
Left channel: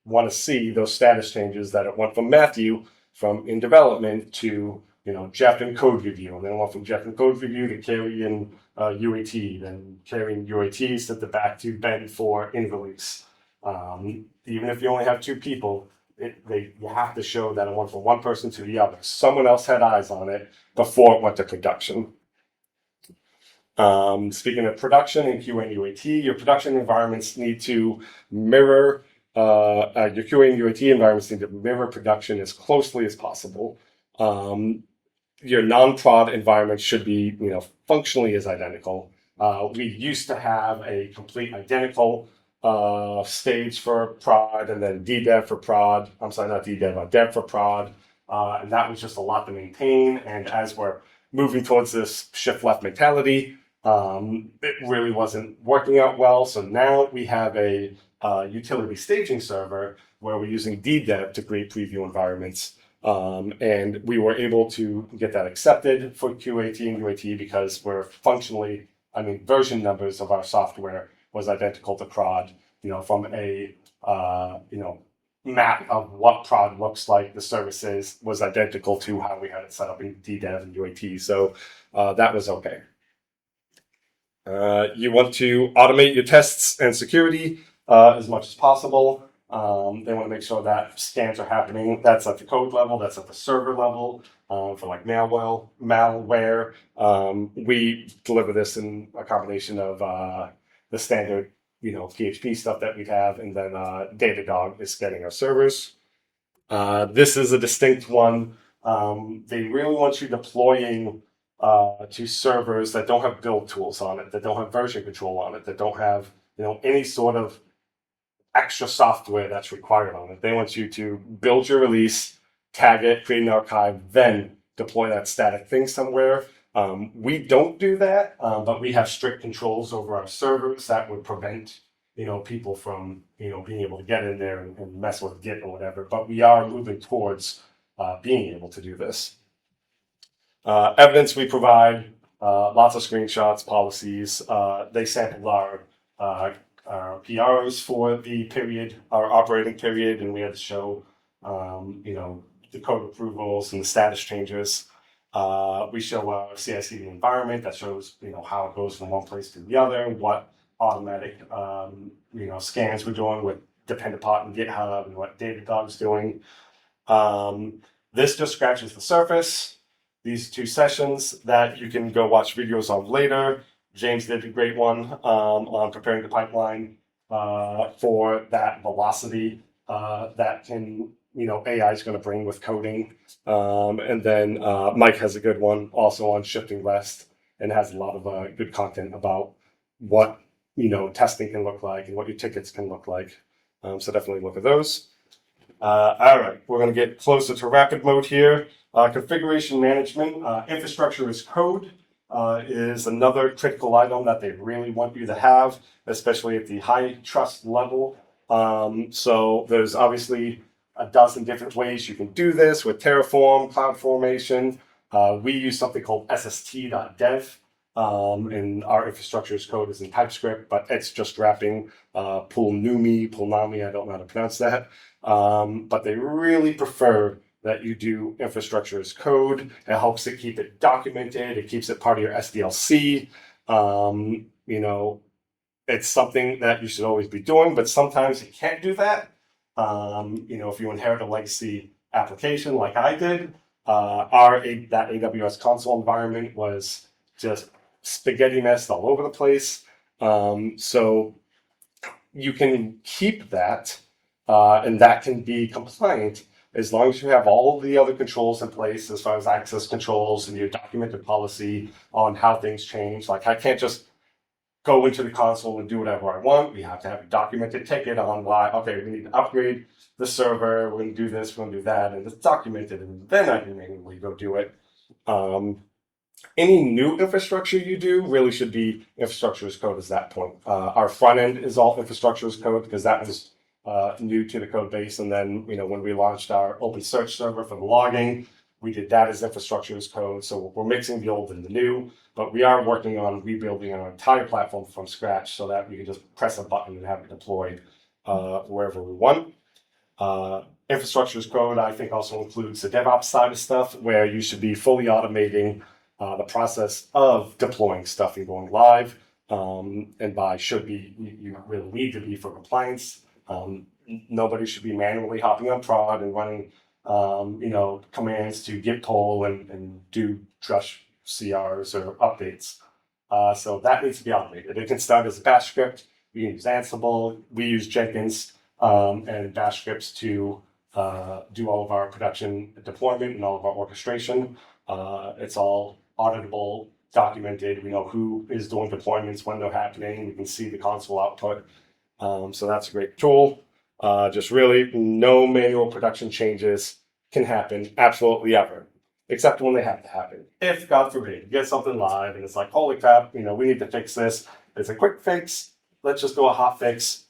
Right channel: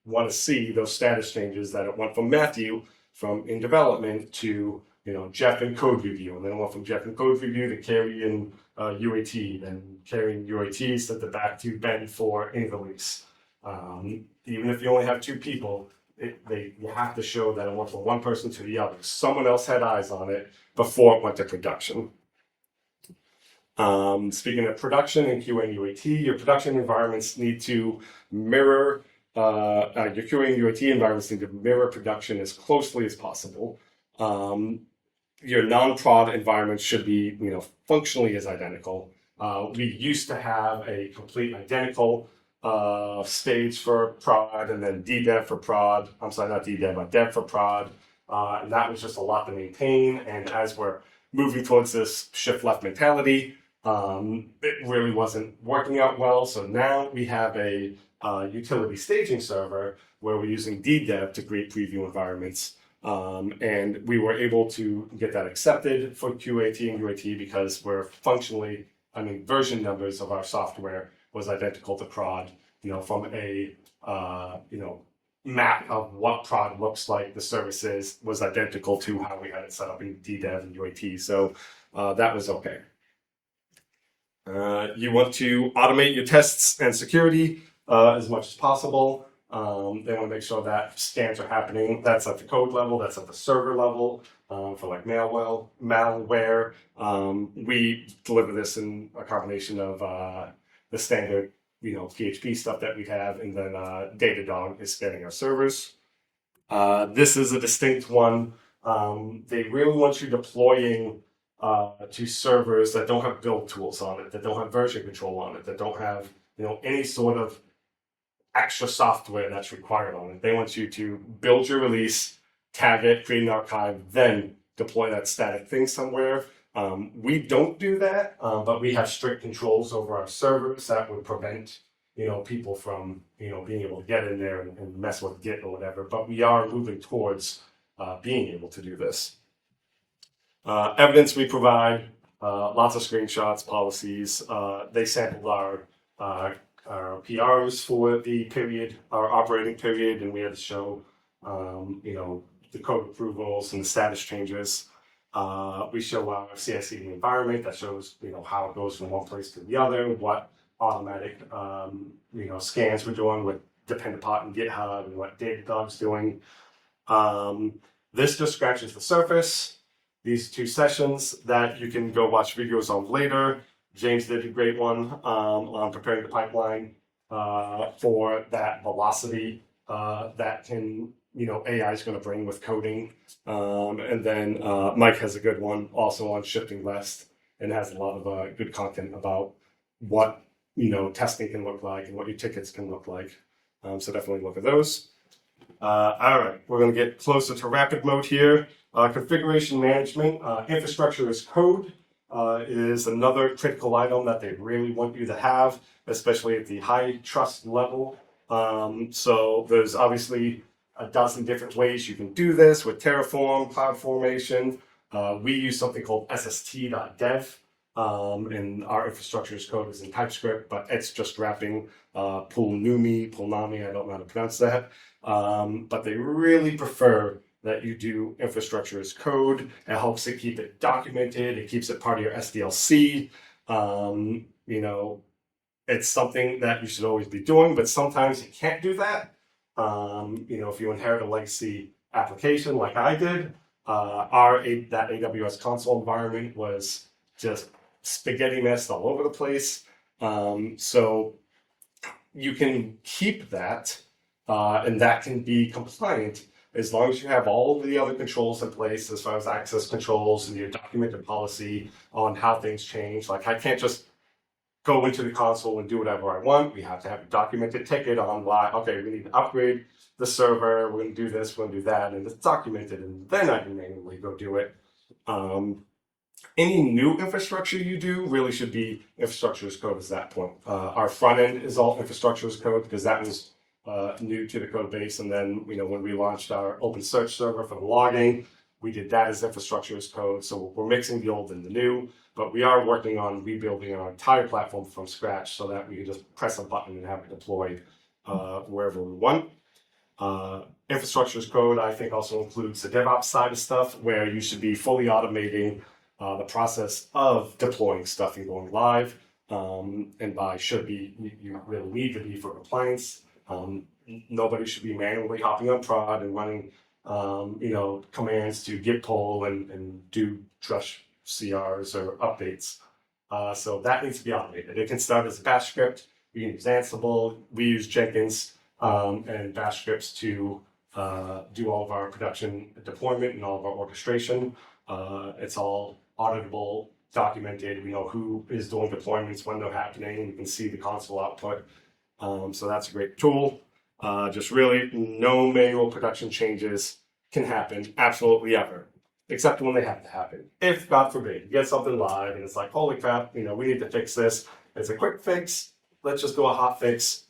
want to see those status changes that it went from Matthew from in development to Jeff in code review, and then went from Jeff in code review to Carrie in UAT, then carrying UAT sent it back to Ben for in release. Even if you only have 2 people, you have to show that it went from one person to the other. Someone else had eyes on it before it went to production. Speaking of production and QA and UAT, your production environments need to mirror, your QA and UAT environments need to mirror production as closely as possible. Your non-prod environment should be, functionally as identical. We used to have a complete identical stage for prod, and then DDev for prod. I'm sorry, not DDev, dev for prod. And that was just a lot to maintain. And as we're moving towards this shift left mentality, it really wasn't working out well. So now we have a utility staging server where we're using DDev to create preview environments. And we were able to get that accepted for QAT and UAT because we're functionally, version numbers of our software was identical to prod, from a, map of what prod looks like, the services was identical to how we had it set up in DDev and UAT. So that was okay. You want to automate your tests and security as much as possible. They want to make sure that scans are happening. That's at the code level, that's at the server level. For like malware, we deliver this in a combination of the standard, PHP stuff that we have, and then Datadog is getting our servers. This is a distinct one. They really want you deploying to servers that don't have build tools on it, that don't have version control on it, that don't have any sort of extra software that's required on it. They want you to build your release, tag it, create an archive, then deploy that static thing somewhere. We don't do that, but we have strict controls over our servers that would prevent people from being able to get in there and mess with Git or whatever. But we are moving towards being able to do this. Evidence we provide, lots of screenshots, policies. They sampled our PRs for the period, our operating period, and we had to show, the code approvals and the status changes. We show our CI/CD environment that shows, how it goes from one place to the other, what automatic, scans we're doing with Dependabot and GitHub, and what Datadog's doing. This just scratches the surface. These 2 sessions that you can go watch videos of later. James did a great one on preparing the pipeline for that velocity that can, AI is going to bring with coding. And then Mike has a good one also on shifting left, and has a lot of good content about what, testing can look like and what your tickets can look like. So definitely look at those. All right, we're going to get closer to rapid mode here. Configuration management, infrastructure as code. Is another critical item that they really want you to have, especially at the HITRUST level. So there's obviously a dozen different ways you can do this with Terraform, CloudFormation. We use something called sst.dev, and our infrastructure as code is in TypeScript, but it's just wrapping Pulnami, I don't know how to pronounce that. But they really prefer that you do infrastructure as code. It helps it keep it documented. It keeps it part of your SDLC. It's something that you should always be doing, but sometimes you can't do that. If you inherit a legacy application like I did, that AWS console environment was just spaghetti mess all over the place. So you can keep that, and that can be compliant as long as you have all of the other controls in place as far as access controls and your documented policy on how things change. Like I can't just go into the console and do whatever I want. We have to have a documented ticket on why, okay, we need to upgrade the server, we're going to do this, we're going to do that, and it's documented, and then I can manually go do it. Any new infrastructure you do really should be infrastructure as code at that point. Our front end is all infrastructure as code because that was new to the code base. And then, when we launched our open search server for the logging, we did that as infrastructure as code. So we're mixing the old and the new, but we are working on rebuilding our entire platform from scratch so that we can just press a button and have it deployed wherever we want. Infrastructure as code, I think, also includes the DevOps side of stuff where you should be fully automating the process of deploying stuff and going live. And by should be, you really need to be for compliance. Nobody should be manually hopping on prod and running, commands to git pull and do trush CRs or updates. So that needs to be automated. It can start as a bash script. We use Ansible. We use Jenkins and bash scripts to do all of our production deployment and all of our orchestration. It's all auditable, documented. We know who is doing deployments, when they're happening. We can see the console output. So that's a great tool. Just really no manual production changes can happen absolutely ever, except when they have to happen. If, God forbid, you get something live and it's like, holy crap, we need to fix this. It's a quick fix. Let's just do a hot fix.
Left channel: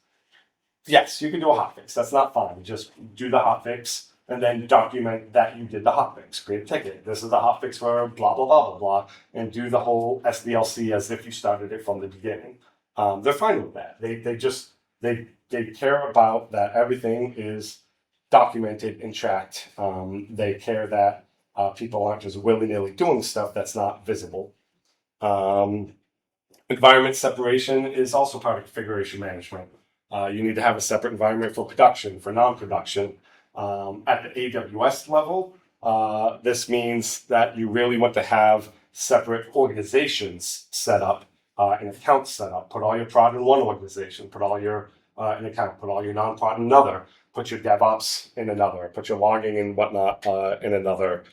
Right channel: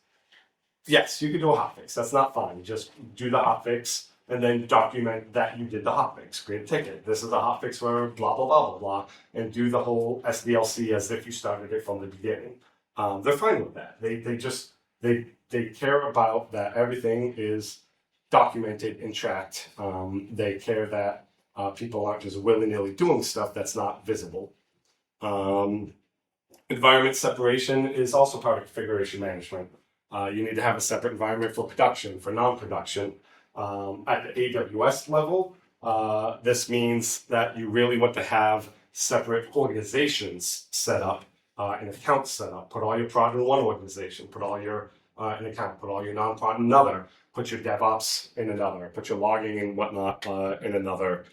Yes, you can do a hot fix. That's not fine. Just do the hot fix and then document that you did the hot fix. Create a ticket. This is a hot fix for blah, blah, blah, blah, blah, and do the whole SDLC as if you started it from the beginning. They're fine with that. They care about that everything is documented and tracked. They care that people aren't just willy-nilly doing stuff that's not visible. Environment separation is also part of configuration management. You need to have a separate environment for production, for non-production. At the AWS level, this means that you really want to have separate organizations set up, and accounts set up. Put all your prod in one organization, put all your an account, put all your non-prod in another, put your DevOps in another, put your logging and whatnot in another.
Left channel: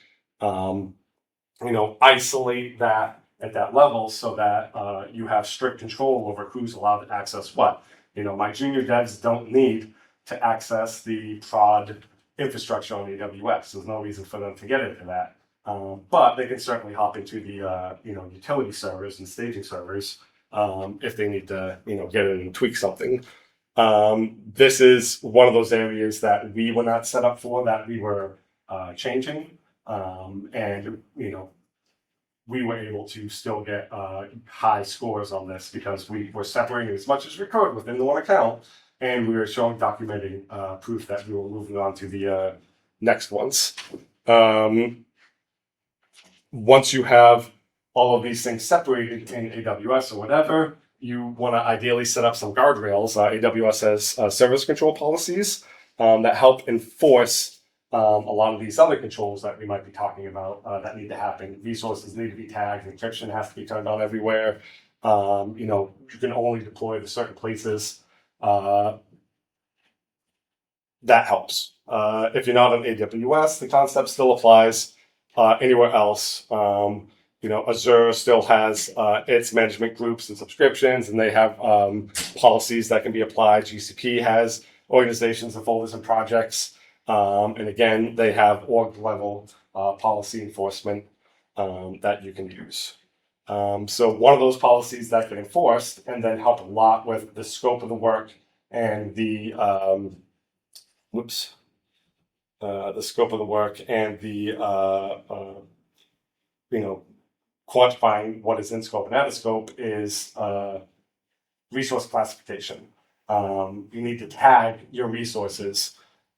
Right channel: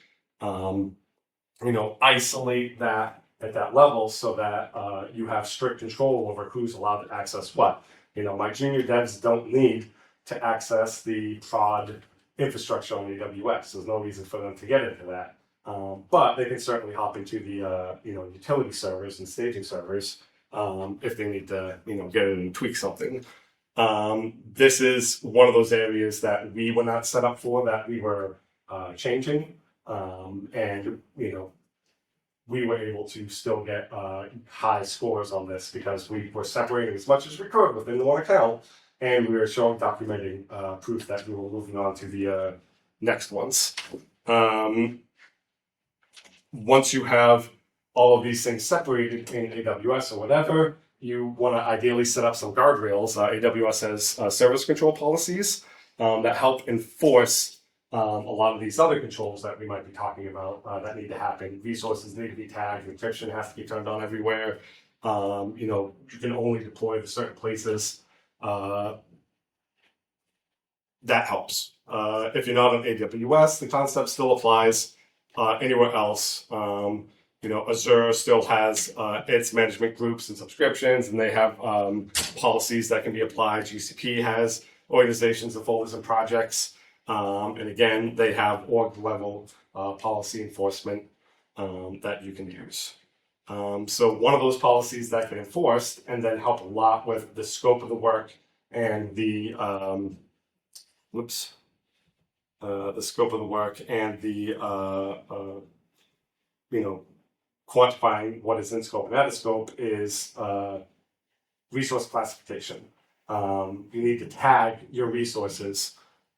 Isolate that at that level so that you have strict control over who's allowed to access what. My junior devs don't need to access the prod infrastructure on AWS. There's no reason for them to get into that. But they can certainly hop into the utility servers and staging servers if they need to get in and tweak something. This is one of those areas that we were not set up for, that we were changing, and we were able to still get high scores on this because we were separating as much as we could within the one account, and we were showing documenting proof that we were moving on to the next ones. Once you have all of these things separated in AWS or whatever, you want to ideally set up some guardrails. AWS has service control policies that help enforce a lot of these other controls that we might be talking about that need to happen. Resources need to be tagged. Encryption has to be turned on everywhere. You can only deploy to certain places. That helps. If you're not on AWS, the concept still applies anywhere else. Azure still has its management groups and subscriptions, and they have policies that can be applied. GCP has organizations and folders and projects. And again, they have org level policy enforcement that you can use. So one of those policies that get enforced and then help a lot with the scope of the work and the scope of the work and the quantifying what is in scope and out of scope is resource classification. You need to tag your resources,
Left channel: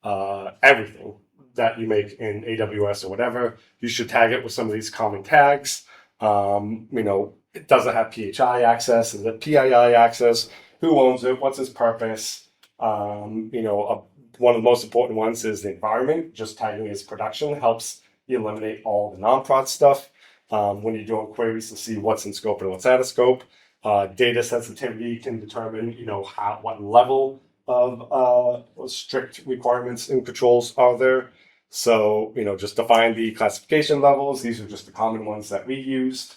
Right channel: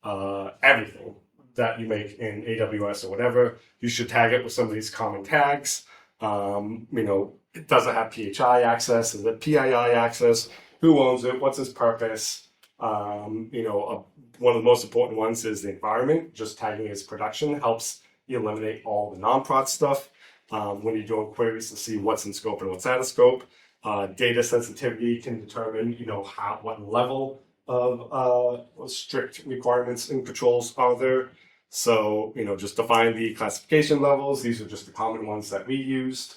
everything, that you make in AWS or whatever, you should tag it with some of these common tags. It doesn't have PHI access, and the PII access, who owns it, what's its purpose. One of the most important ones is the environment. Just tagging as production helps you eliminate all the non-prod stuff when you're doing queries to see what's in scope and what's out of scope. Data sensitivity can determine, what level of strict requirements and controls are there. So, just define the classification levels. These are just the common ones that we used.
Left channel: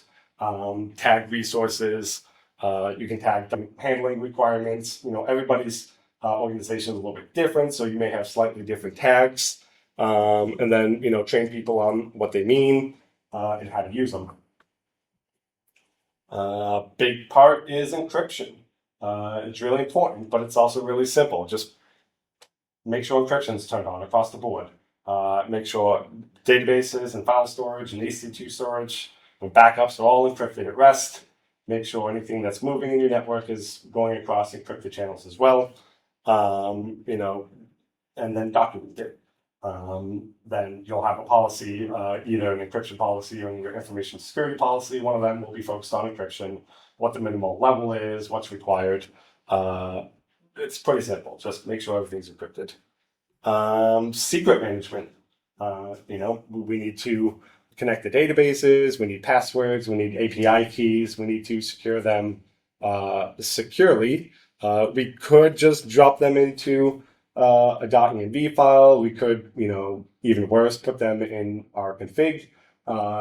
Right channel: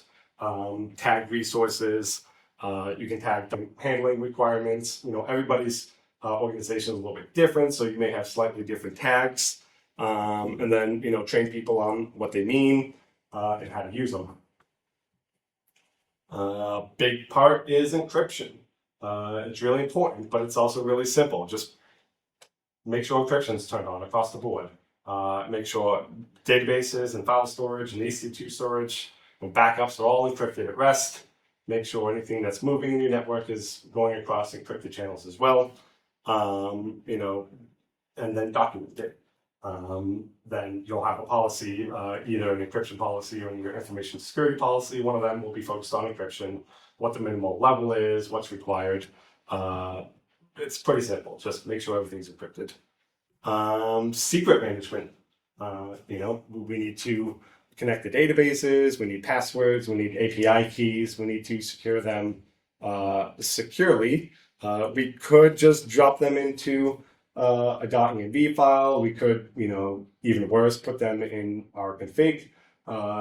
Tag resources. You can tag handling requirements. Everybody's organization is a little bit different, so you may have slightly different tags. And then, train people on what they mean and how to use them. Big part is encryption. It's really important, but it's also really simple. Just make sure encryption is turned on across the board. Make sure databases and file storage and EC2 storage and backups are all encrypted at rest. Make sure anything that's moving in your network is going across encrypted channels as well. And then document it. Then you'll have a policy, either an encryption policy or your information security policy. One of them will be focused on encryption, what the minimal level is, what's required. It's pretty simple. Just make sure everything's encrypted. Secret management. We need to connect the databases. We need passwords. We need API keys. We need to secure them securely. We could just drop them into a .env file. We could, even worse, put them in our config.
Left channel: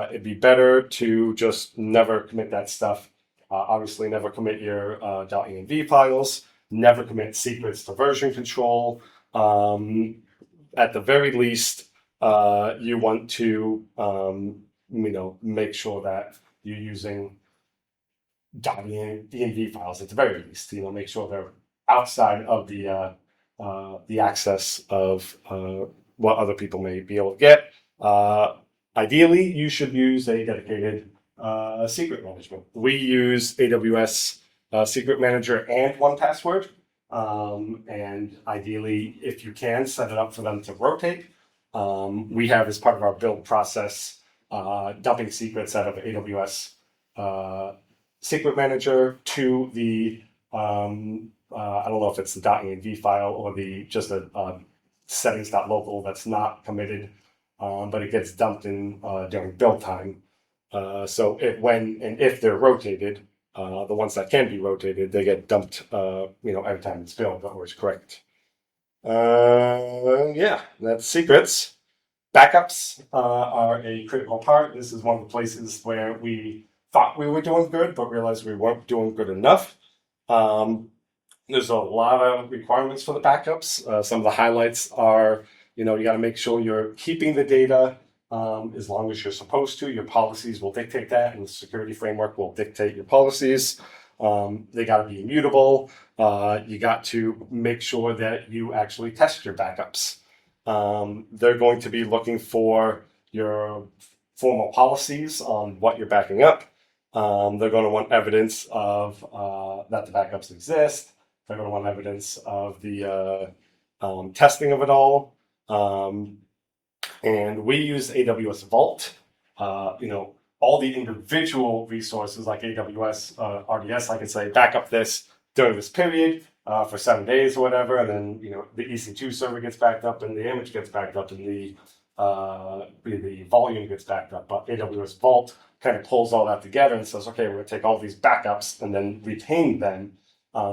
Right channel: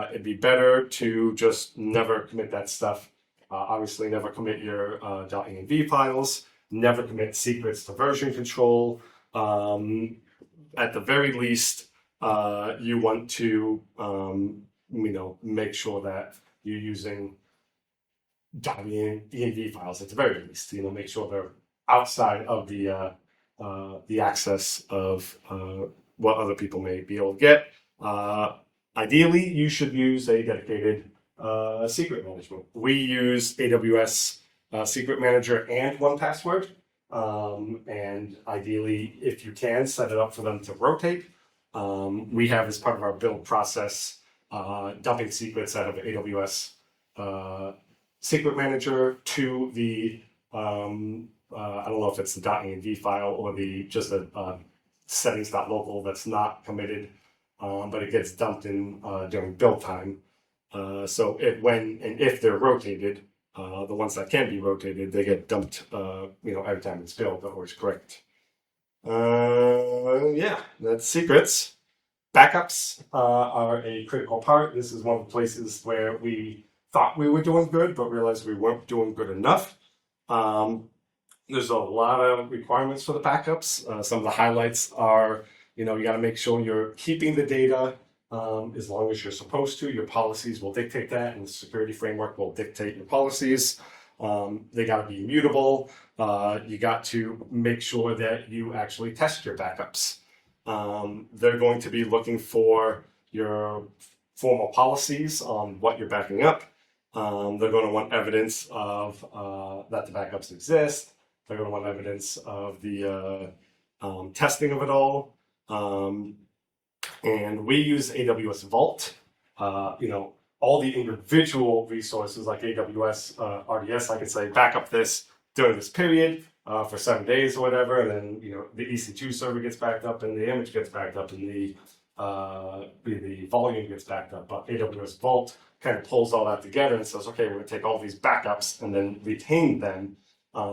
It'd be better to just never commit that stuff. Obviously, never commit your .env files. Never commit secrets to version control. At the very least, you want to, make sure that you're using .env files at the very least. Make sure they're outside of the access of what other people may be able to get. Ideally, you should use a dedicated secret management. We use AWS Secret Manager and 1Password. And ideally, if you can, set it up for them to rotate. We have, as part of our build process, dumping secrets out of AWS Secret Manager to the I don't know if it's the .env file or just a settings.local that's not committed, but it gets dumped in during build time. So when and if they're rotated, the ones that can be rotated, they get dumped, every time it's built or it's correct. That's secrets. Backups are a critical part. This is one of the places where we thought we were doing good, but realized we weren't doing good enough. There's a lot of requirements for the backups. Some of the highlights are, you got to make sure you're keeping the data as long as you're supposed to. Your policies will dictate that, and the security framework will dictate your policies. They got to be immutable. You got to make sure that you actually test your backups. They're going to be looking for your formal policies on what you're backing up. They're going to want evidence of that the backups exist. They're going to want evidence of the testing of it all. And we use AWS Vault. All the individual resources like AWS RDS, I can say, back up this during this period for 7 days or whatever. And then, the EC2 server gets backed up and the image gets backed up and the volume gets backed up. But AWS Vault kind of pulls all that together and says, okay, we're going to take all these backups and then retain them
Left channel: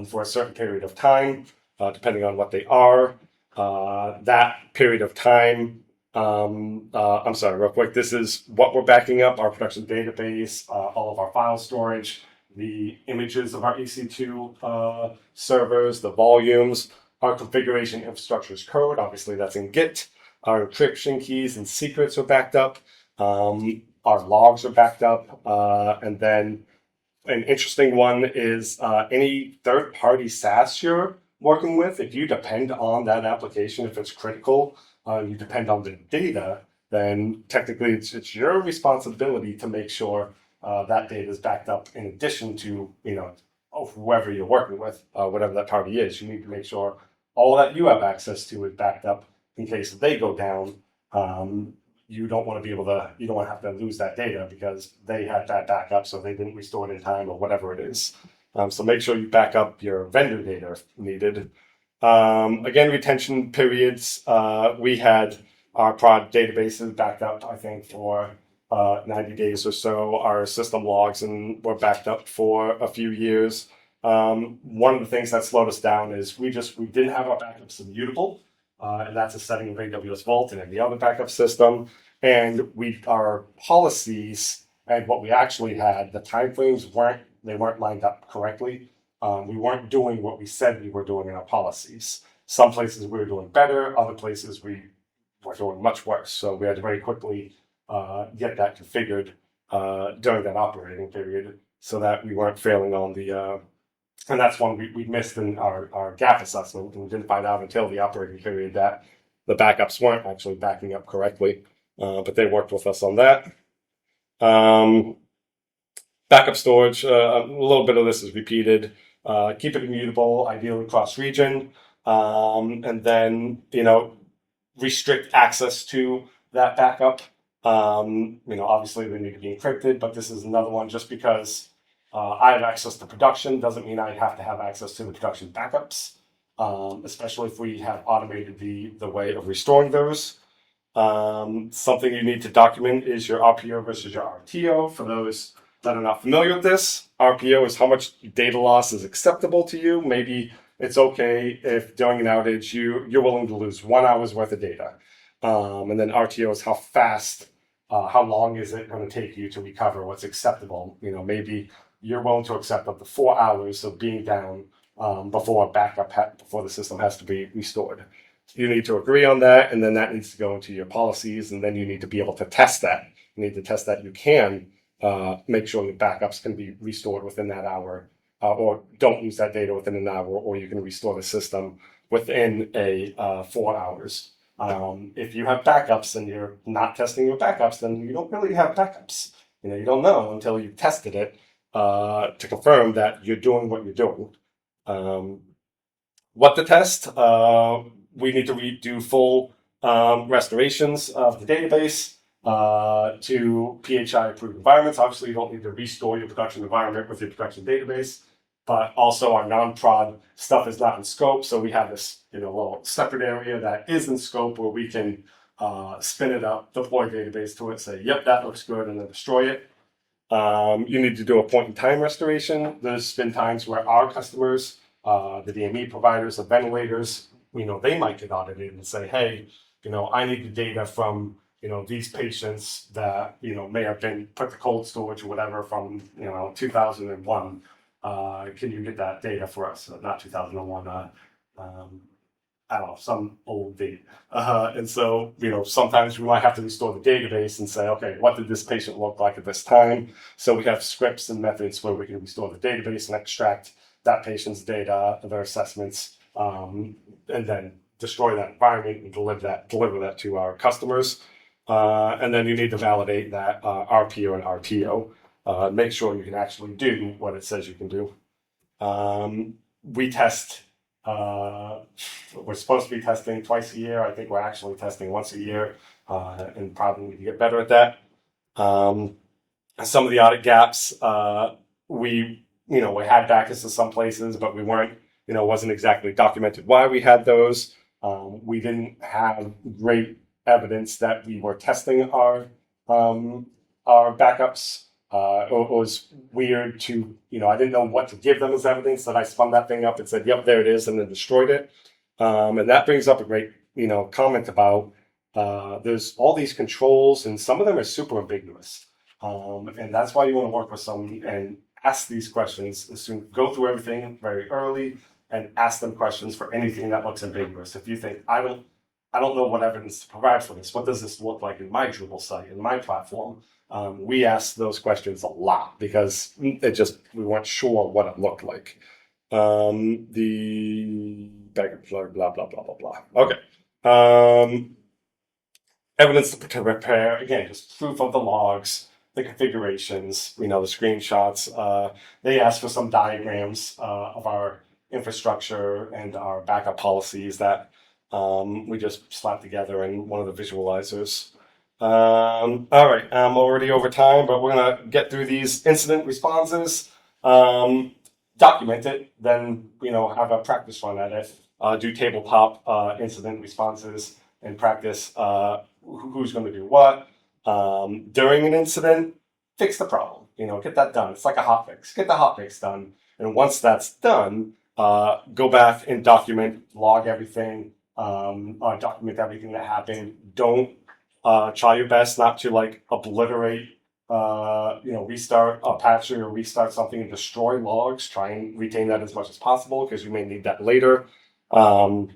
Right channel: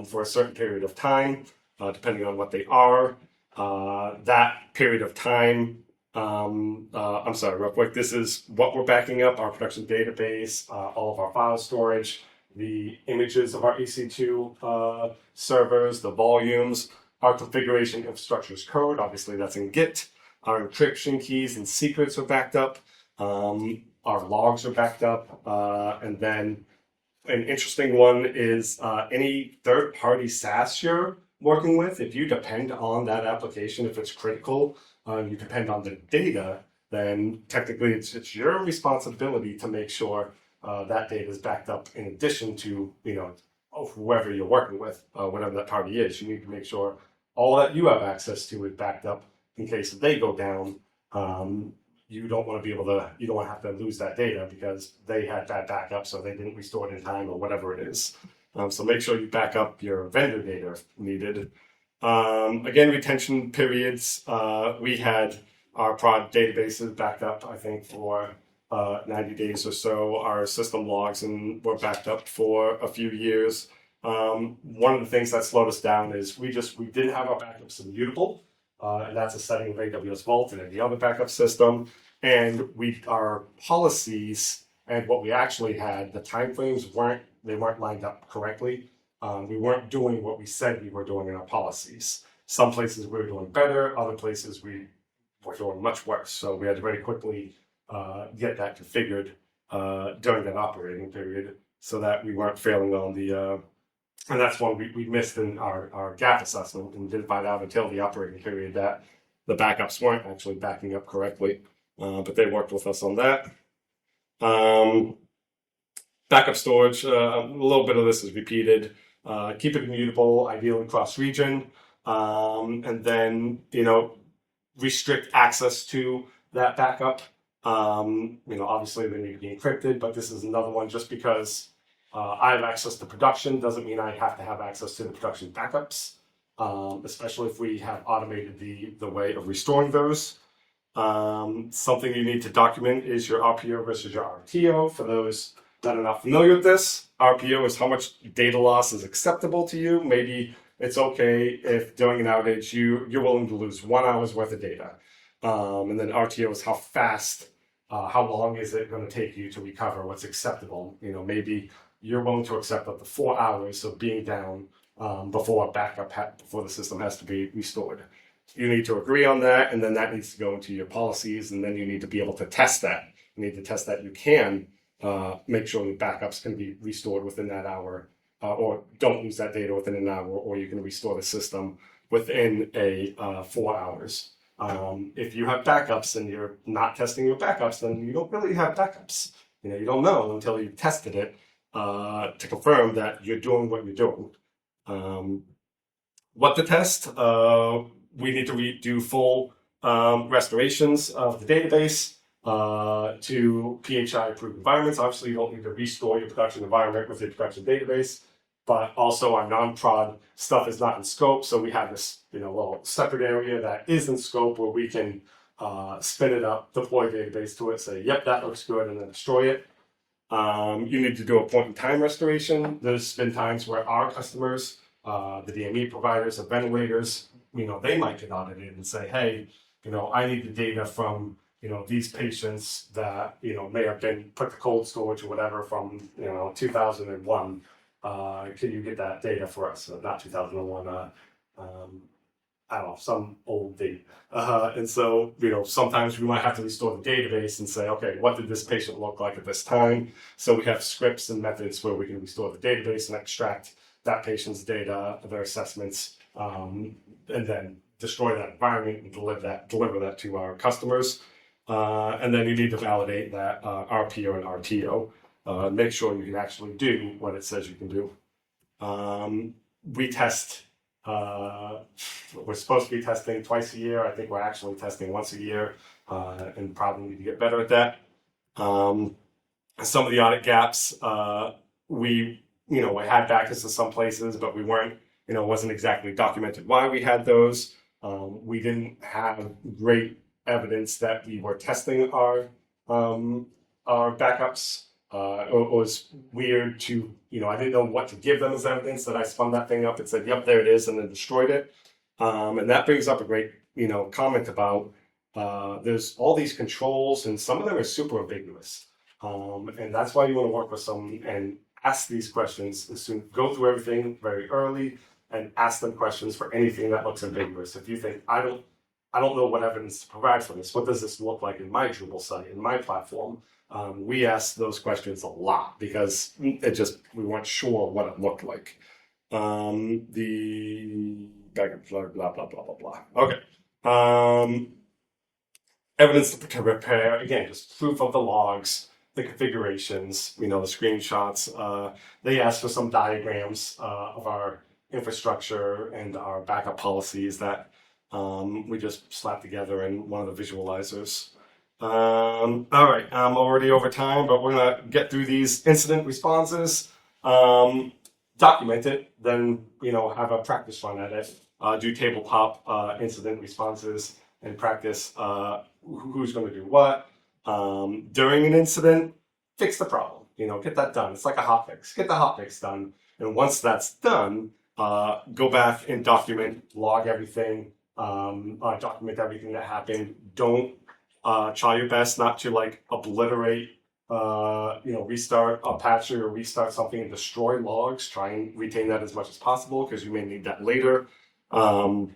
for a certain period of time, depending on what they are. That period of time, I'm sorry, real quick, this is what we're backing up: our production database, all of our file storage, the images of our EC2 servers, the volumes, our configuration infrastructure's code, obviously that's in Git, our encryption keys and secrets are backed up, our logs are backed up, and then an interesting one is any third-party SaaS you're working with. If you depend on that application, if it's critical, you depend on the data, then technically it's your responsibility to make sure that data is backed up in addition to, whoever you're working with, whatever that party is. You need to make sure all that you have access to is backed up in case they go down. you don't want to you don't want to have to lose that data because they had bad backup, so they didn't restore it in time or whatever it is. So make sure you back up your vendor data if needed. Again, retention periods. We had our prod databases backed up, I think, for 90 days or so. Our system logs were backed up for a few years. One of the things that slowed us down is we didn't have our backups immutable, and that's a setting of AWS Vault and any other backup system. And our policies and what we actually had, the timeframes weren't lined up correctly. We weren't doing what we said we were doing in our policies. Some places we were doing better, other places we were doing much worse. So we had to very quickly get that configured during that operating period so that we weren't failing on the, and that's one we missed in our gap assessment, and we didn't find out until the operating period that the backups weren't actually backing up correctly, but they worked with us on that. Backup storage, a little bit of this is repeated. Keep it immutable, ideally cross-region, and then, restrict access to that backup. Obviously they need to be encrypted, but this is another one just because I have access to production doesn't mean I have to have access to the production backups, especially if we have automated the way of restoring those. Something you need to document is your RPO versus your RTO. For those that are not familiar with this, RPO is how much data loss is acceptable to you. Maybe it's okay if during an outage you're willing to lose 1 hour's worth of data. And then RTO is how fast, how long is it going to take you to recover what's acceptable. Maybe you're willing to accept up to 4 hours of being down before the system has to be restored. You need to agree on that, and then that needs to go into your policies, and then you need to be able to test that. You need to test that you can make sure the backups can be restored within that hour, or don't lose that data within an hour, or you can restore the system within 4 hours. If you have backups and you're not testing your backups, then you don't really have backups. You don't know until you've tested it to confirm that you're doing what you're doing. What to test? We need to do full restorations of the database to PHI approved environments. Obviously, you don't need to restore your production environment with your production database, but also our non-prod stuff is not in scope. So we have this little separate area that is in scope where we can spin it up, deploy database to it, say, yep, that looks good, and then destroy it. You need to do a point in time restoration. There's been times where our customers, the DME providers, the ventilators, they might get audited and say, hey, I need the data from, these patients that, may have been put to cold storage or whatever from, 2001. Can you get that data for us? Not 2001, I don't know, some old date. And so, sometimes we might have to restore the database and say, okay, what did this patient look like at this time? So we have scripts and methods where we can restore the database and extract that patient's data, their assessments, and then destroy that environment and deliver that to our customers. And then you need to validate that RPO and RTO. Make sure you can actually do what it says you can do. We test, we're supposed to be testing twice a year. I think we're actually testing once a year, and probably need to get better at that. Some of the audit gaps, we had backups in some places, but we weren't, wasn't exactly documented why we had those. We didn't have great evidence that we were testing our backups. It was weird to, I didn't know what to give them as evidence, that I spun that thing up and said, yep, there it is, and then destroyed it. And that brings up a great, comment about there's all these controls, and some of them are super ambiguous. And that's why you want to work with someone and ask these questions as soon, go through everything very early and ask them questions for anything that looks ambiguous. If you think, I don't know what evidence to provide for this. What does this look like in my Drupal site, in my platform? We asked those questions a lot because we weren't sure what it looked like. The blah, blah, blah, blah, blah. Okay. Evidence to repair, again, just proof of the logs, the configurations, the screenshots. They asked for some diagrams of our infrastructure and our backup policies that We just slapped together in one of the visualizers. All right, I'm already over time, but we're gonna get through these incident responses, document it, then have a practice run at it, do tabletop incident responses, and practice who's going to do what during an incident. Fix the problem. Get that done. It's like a hot fix. Get the hot fix done, and once that's done, go back and log everything, document everything that happened. Don't try your best not to obliterate, restart a patch or restart something and destroy logs. Try and retain that as much as possible because you may need that later. And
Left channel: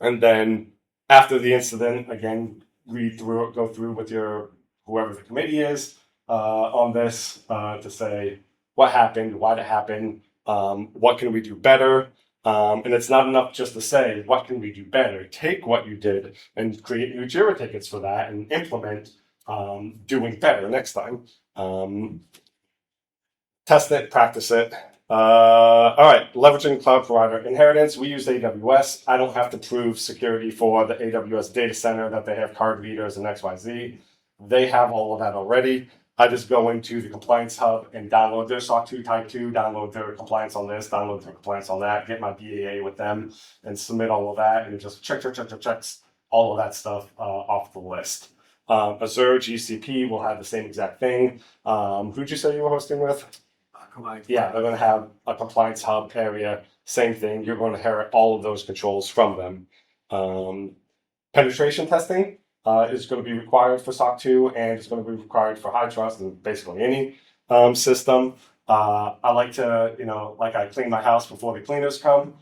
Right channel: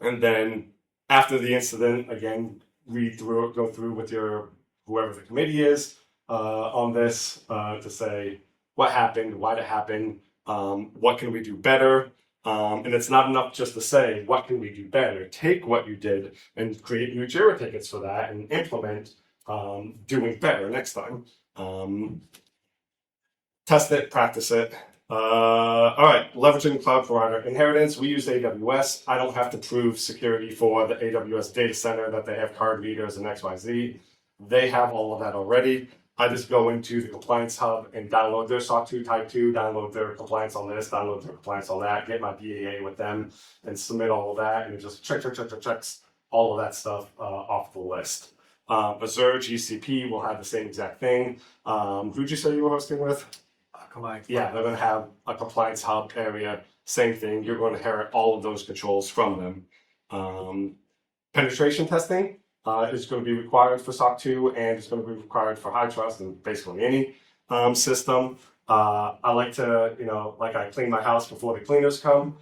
then after the incident, again, go through with whoever the committee is on this to say what happened, why it happened, what can we do better. And it's not enough just to say, what can we do better? Take what you did and create new JIRA tickets for that and implement doing better next time. Test it, practice it. All right, leveraging cloud provider inheritance. We use AWS. I don't have to prove security for the AWS data center that they have card readers and XYZ. They have all of that already. I just go into the compliance hub and download their SOC 2 Type 2, download their compliance on this, download their compliance on that, get my BAA with them, and submit all of that, and it just checks all of that stuff off the list. Azure GCP will have the same exact thing. Who'd you say you were hosting with? Yeah, they're going to have a compliance hub area, same thing. You're going to inherit all of those controls from them. Penetration testing is going to be required for SOC 2, and it's going to be required for HITRUST and basically any system. I like to, I clean my house before the cleaners come.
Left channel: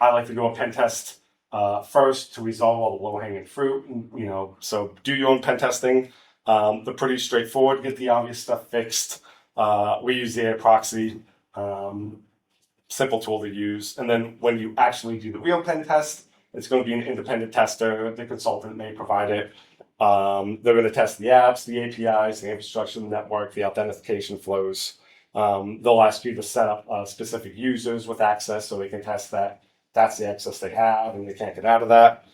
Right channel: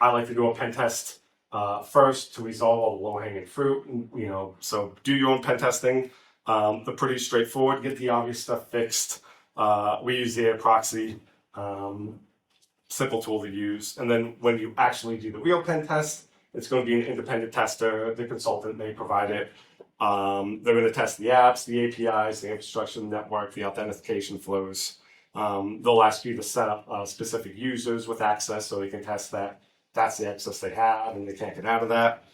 I like to do a pen test first to resolve all the low-hanging fruit. So do your own pen testing. They're pretty straightforward. Get the obvious stuff fixed. We use the air proxy, simple tool to use. And then when you actually do the real pen test, it's going to be an independent tester. The consultant may provide it. They're going to test the apps, the APIs, the infrastructure, the network, the authentication flows. They'll ask you to set up specific users with access so they can test that. That's the access they have and they can't get out of that.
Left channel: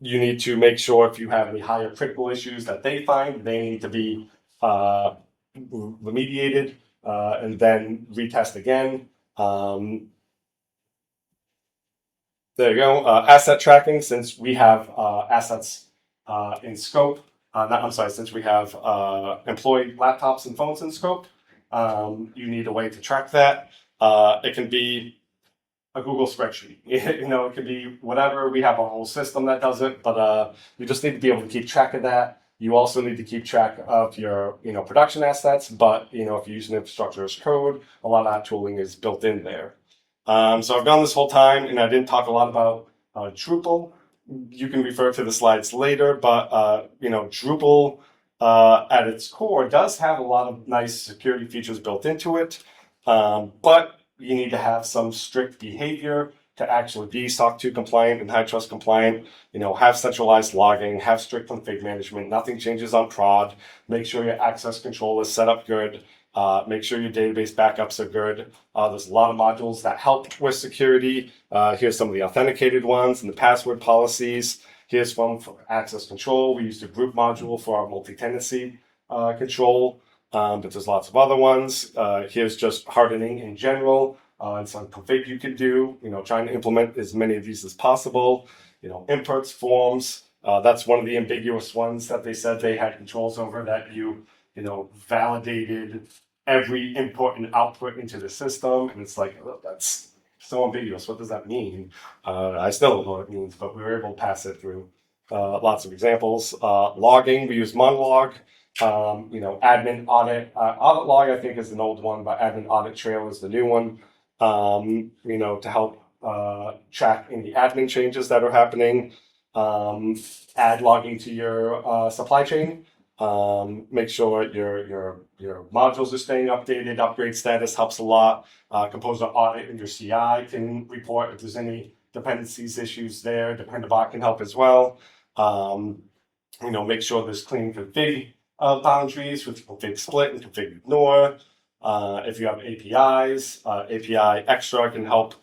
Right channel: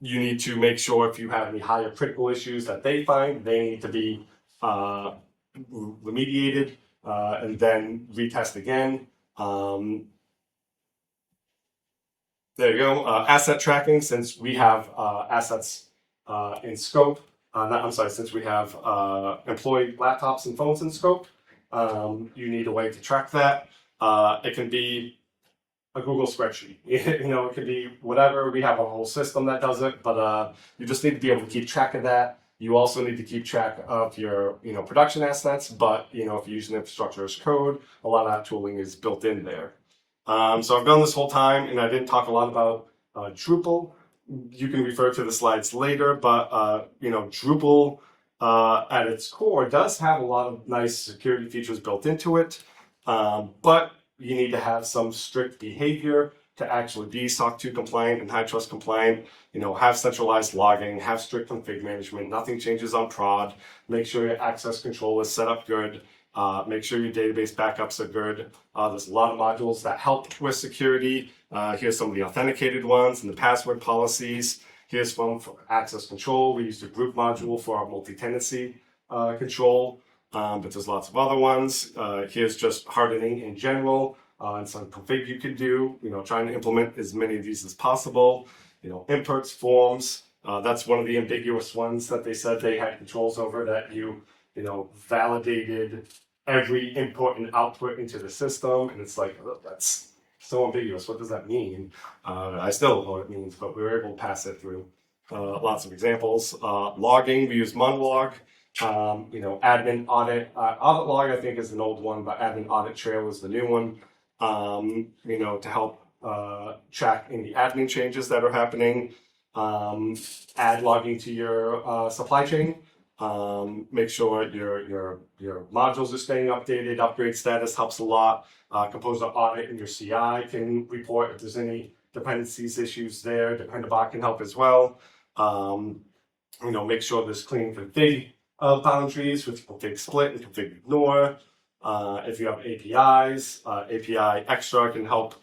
You need to make sure if you have any higher critical issues that they find, they need to be remediated and then retest again. There you go. Asset tracking, since we have assets in scope, since we have employee laptops and phones in scope, you need a way to track that. It can be a Google spreadsheet. It can be whatever. We have a whole system that does it, but you just need to be able to keep track of that. You also need to keep track of your, production assets, but, if you're using infrastructure as code, a lot of that tooling is built in there. So I've done this whole time, and I didn't talk a lot about Drupal. You can refer to the slides later, but, Drupal at its core does have a lot of nice security features built into it, but you need to have some strict behavior to actually be SOC 2 compliant and HITRUST compliant. Have centralized logging, have strict config management, nothing changes on prod, make sure your access control is set up good, make sure your database backups are good. There's a lot of modules that help with security. Here's some of the authenticated ones and the password policies. Here's one for access control. We used a group module for our multi-tenancy control. But there's lots of other ones. Here's just hardening in general and some config you can do, trying to implement as many of these as possible. Inputs, forms, that's one of the ambiguous ones that they said they had controls over, that you validated every input and output into the system. And it's like, oh, that's so ambiguous. What does that mean? I still don't know what it means, but we were able to pass it through. Lots of examples. Logging, we use monologue. Admin audit. Audit log, I think, is an old one, but admin audit trail is the new one. To help track any admin changes that are happening. Add logging to your supply chain. Make sure your modules are staying updated. Upgrade status helps a lot. Composer audit in your CI can report if there's any dependencies issues there. Dependabot can help as well. Make sure there's clean config boundaries with config split and config ignore. If you have APIs, API extra can help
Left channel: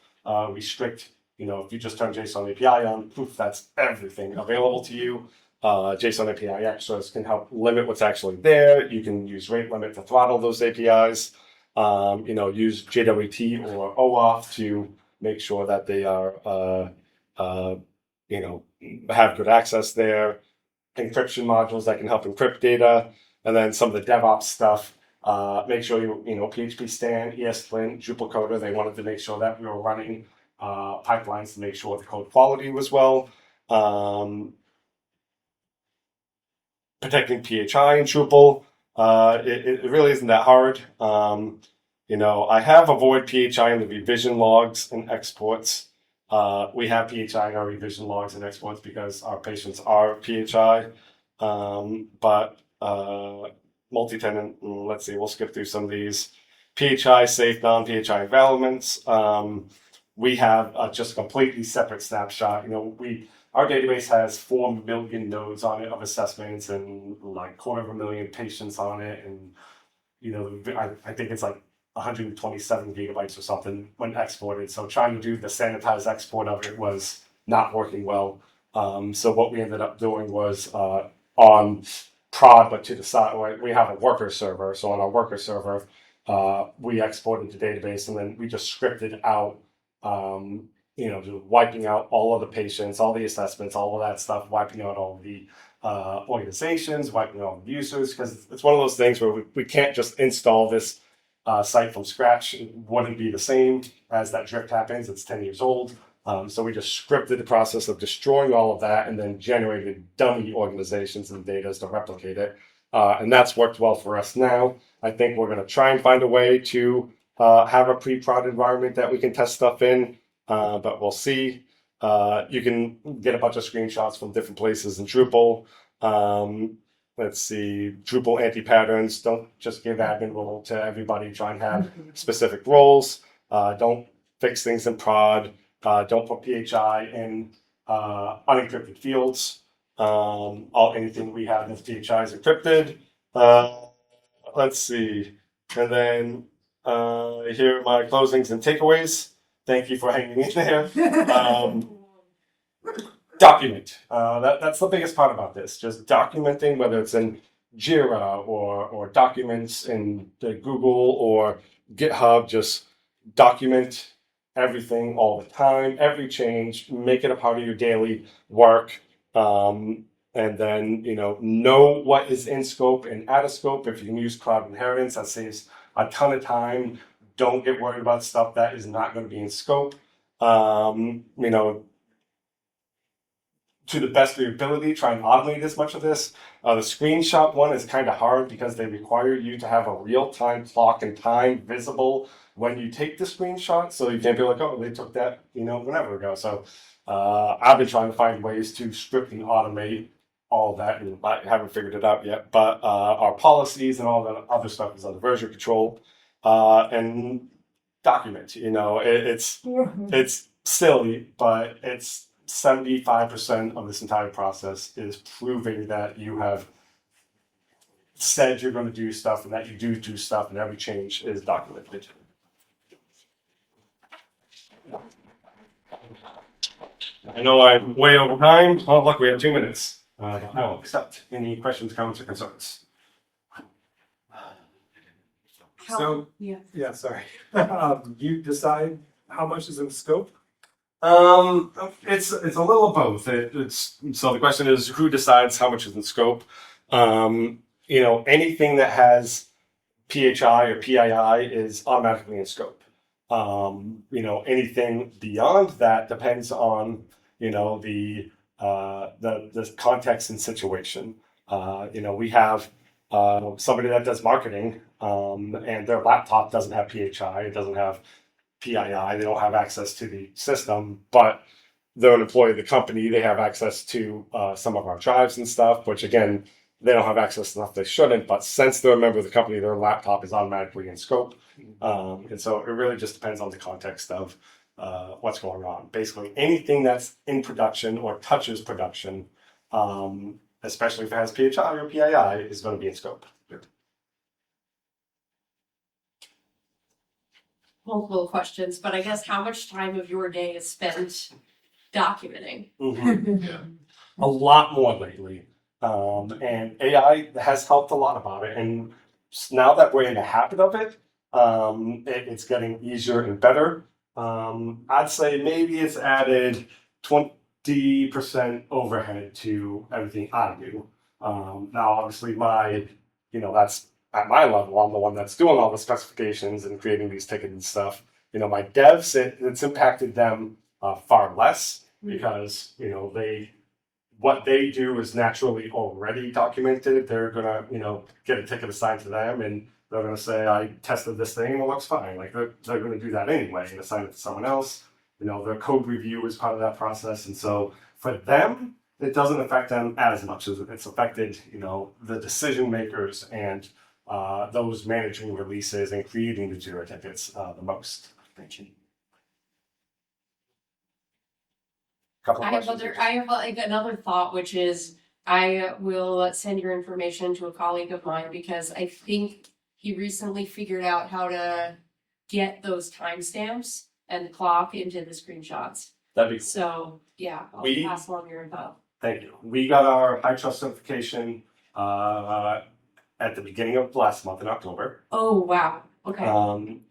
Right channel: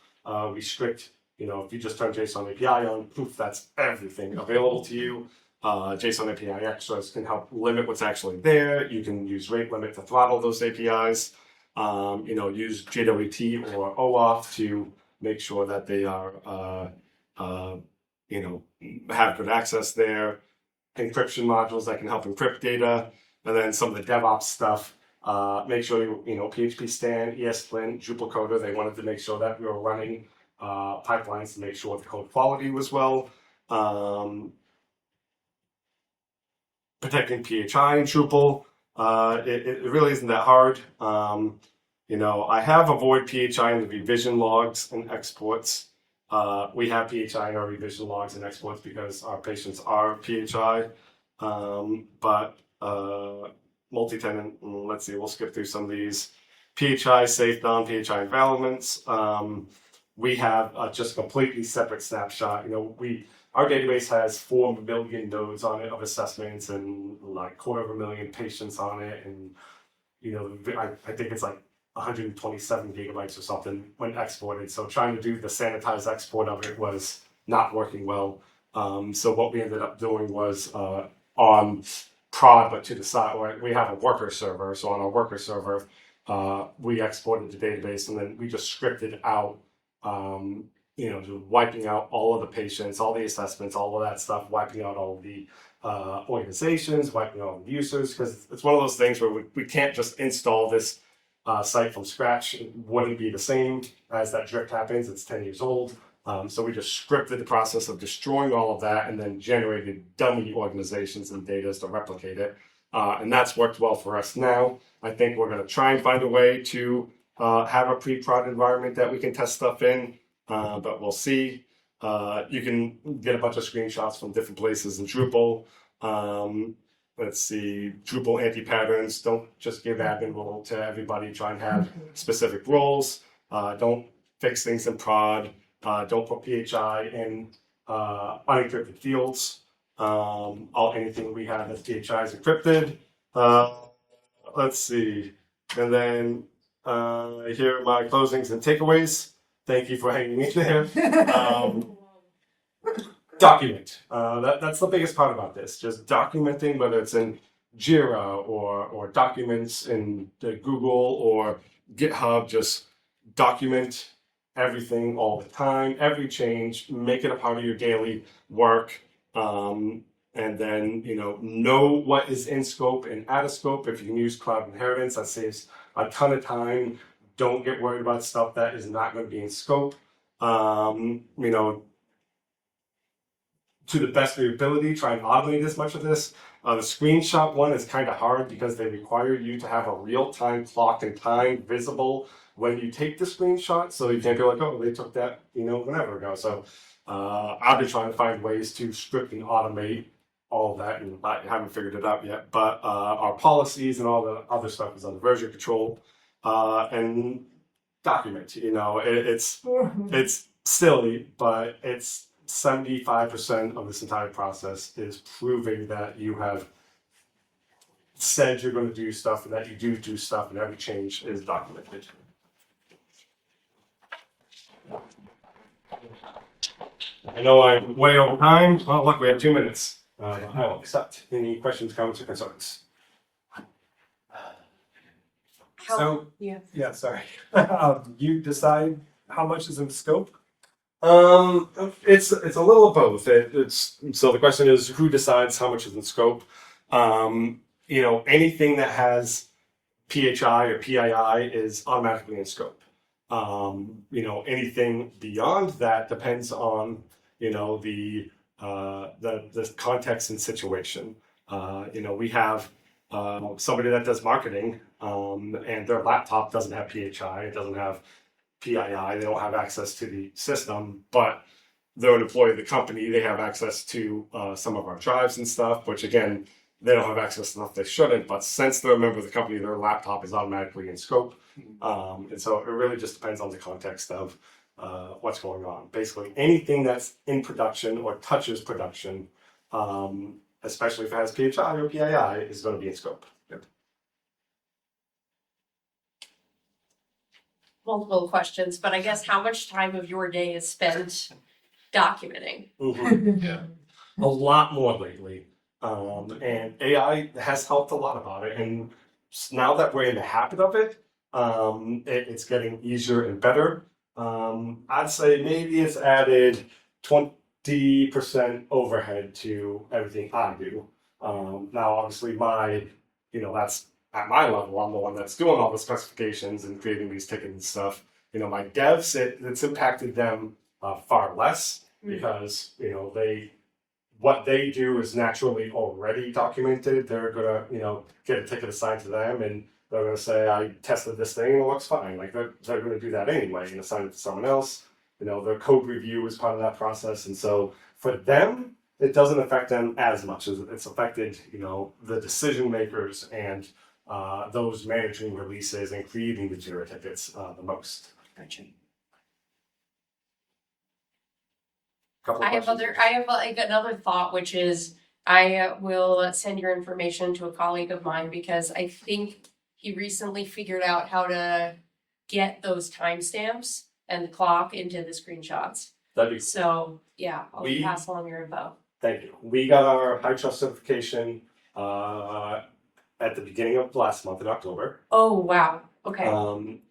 restrict if you just turn JSON API on, poof, that's everything available to you. JSON API extras can help limit what's actually there. You can use rate limit to throttle those APIs. Use JWT or OAuth to make sure that they are, have good access there. Encryption modules that can help encrypt data, and then some of the DevOps stuff. Make sure PHP Stan, ESLint, Drupal Coder. They wanted to make sure that we were running pipelines to make sure the code quality was well. Protecting PHI in Drupal. It really isn't that hard. I have avoid PHI in the revision logs and exports. We have PHI in our revision logs and exports because our patients are PHI. But multi-tenant, let's see, we'll skip through some of these. PHI safe, non-PHI environments. We have just a completely separate snapshot. Our database has 4 million nodes on it of assessments and like 250,000 patients on it. And, I think it's like 127 gigabytes or something when exported. So trying to do the sanitized export of it was not working well. So what we ended up doing was on prod, but to the side, we have a worker server. So on our worker server, we exported the database and then we just scripted out, just wiping out all of the patients, all the assessments, all of that stuff, wiping out all the organizations, wiping out all the users, because it's one of those things where we can't just install this site from scratch. It wouldn't be the same as that drift happens. It's 10 years old. So we just scripted the process of destroying all of that and then generated dummy organizations and data to replicate it. And that's worked well for us now. I think we're going to try and find a way to have a pre-prod environment that we can test stuff in, but we'll see. You can get a bunch of screenshots from different places in Drupal. Let's see, Drupal anti-patterns. Don't just give admin role to everybody. Try and have specific roles. Don't fix things in prod. Don't put PHI in unencrypted fields. Anything we have as PHI is encrypted. Let's see. And then here are my closings and takeaways. Thank you for hanging in there. Document. That's the biggest part about this. Just documenting, whether it's in Jira or documents in the Google or GitHub. Just document everything all the time, every change. Make it a part of your daily work. And then know what is in scope and out of scope. If you can use cloud inheritance, that saves a ton of time. Don't get worried about stuff that is not going to be in scope. To the best of your ability, try and automate as much of this. The screenshot one is kind of hard because they require you to have a real-time clock and time visible when you take the screenshot. So you can't be like, oh, they took that, whenever ago. So I've been trying to find ways to script and automate all that, and I haven't figured it out yet. But our policies and all the other stuff is under version control. And document, it's silly, but it's 75% of this entire process is proving that you have said you're going to do stuff and that you do stuff, and every change is documented. I know I'm way over time. Oh, look, we have 2 minutes. I will accept any questions, comments, or concerns. Sorry. You decide how much is in scope? It's a little of both. So the question is, who decides how much is in scope? Anything that has PHI or PII is automatically in scope. Anything beyond that depends on the context and situation. We have somebody that does marketing, and their laptop doesn't have PHI, it doesn't have PII, they don't have access to the system, but they're an employee of the company, they have access to some of our drives and stuff, which again, they don't have access to stuff they shouldn't, but since they're a member of the company, their laptop is automatically in scope. And so it really just depends on the context of what's going on. Basically, anything that's in production or touches production, especially if it has PHI or PII, is going to be in scope. multiple questions, but I guess how much time of your day is spent documenting? Yeah. A lot more lately. And AI has helped a lot about it. And now that we're in the habit of it, it's getting easier and better. I'd say maybe it's added 20% overhead to everything I do. Now, obviously, that's at my level, I'm the one that's doing all the specifications and creating these tickets and stuff. My devs, it's impacted them far less because, what they do is naturally already documented. They're gonna, get a ticket assigned to them and they're gonna say, I tested this thing and it looks fine. Like they're gonna do that anyway and assign it to someone else. Their code review is part of that process. And so for them, it doesn't affect them as much as it's affected, the decision makers and those managing releases and creating the Jira tickets the most. I have like another thought, which is I will send your information to a colleague of mine because I think he recently figured out how to get those timestamps and the clock into the screenshots. That'd be so yeah. I'll pass along your info. Thank you. We got our HITRUST certification at the beginning of last month in October. Oh wow. Okay.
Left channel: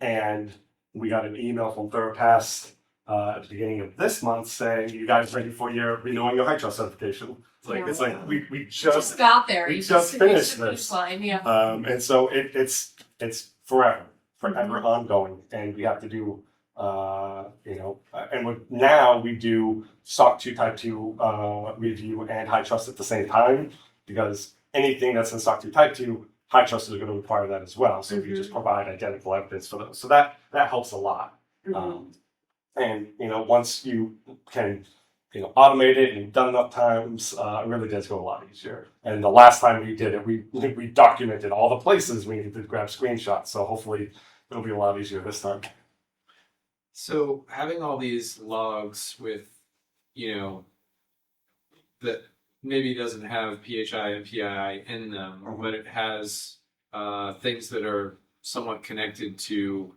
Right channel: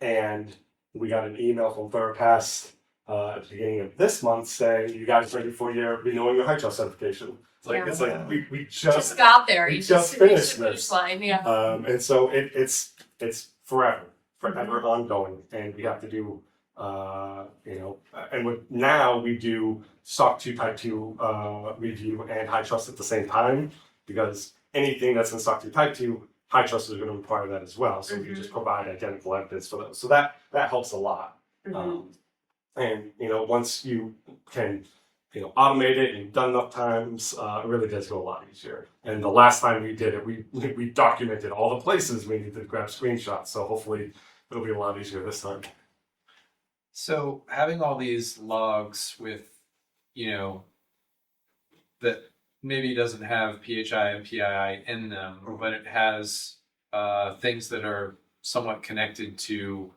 And we got an email from ThirdPass at the beginning of this month saying, "You guys ready for renewing your HITRUST certification?" It's like we just got there. We just finished this. Yeah. And so it's forever ongoing, and we have to do now we do SOC 2 Type 2 review and HITRUST at the same time because anything that's in SOC 2 Type 2, HITRUST is going to require that as well. So we just provide identical evidence for those. So that helps a lot. And once you can automate it and done enough times, it really does go a lot easier. And the last time we did it, we documented all the places we needed to grab screenshots. So hopefully it'll be a lot easier this time. So having all these logs with, that maybe doesn't have PHI and PII in them, but it has things that are somewhat connected to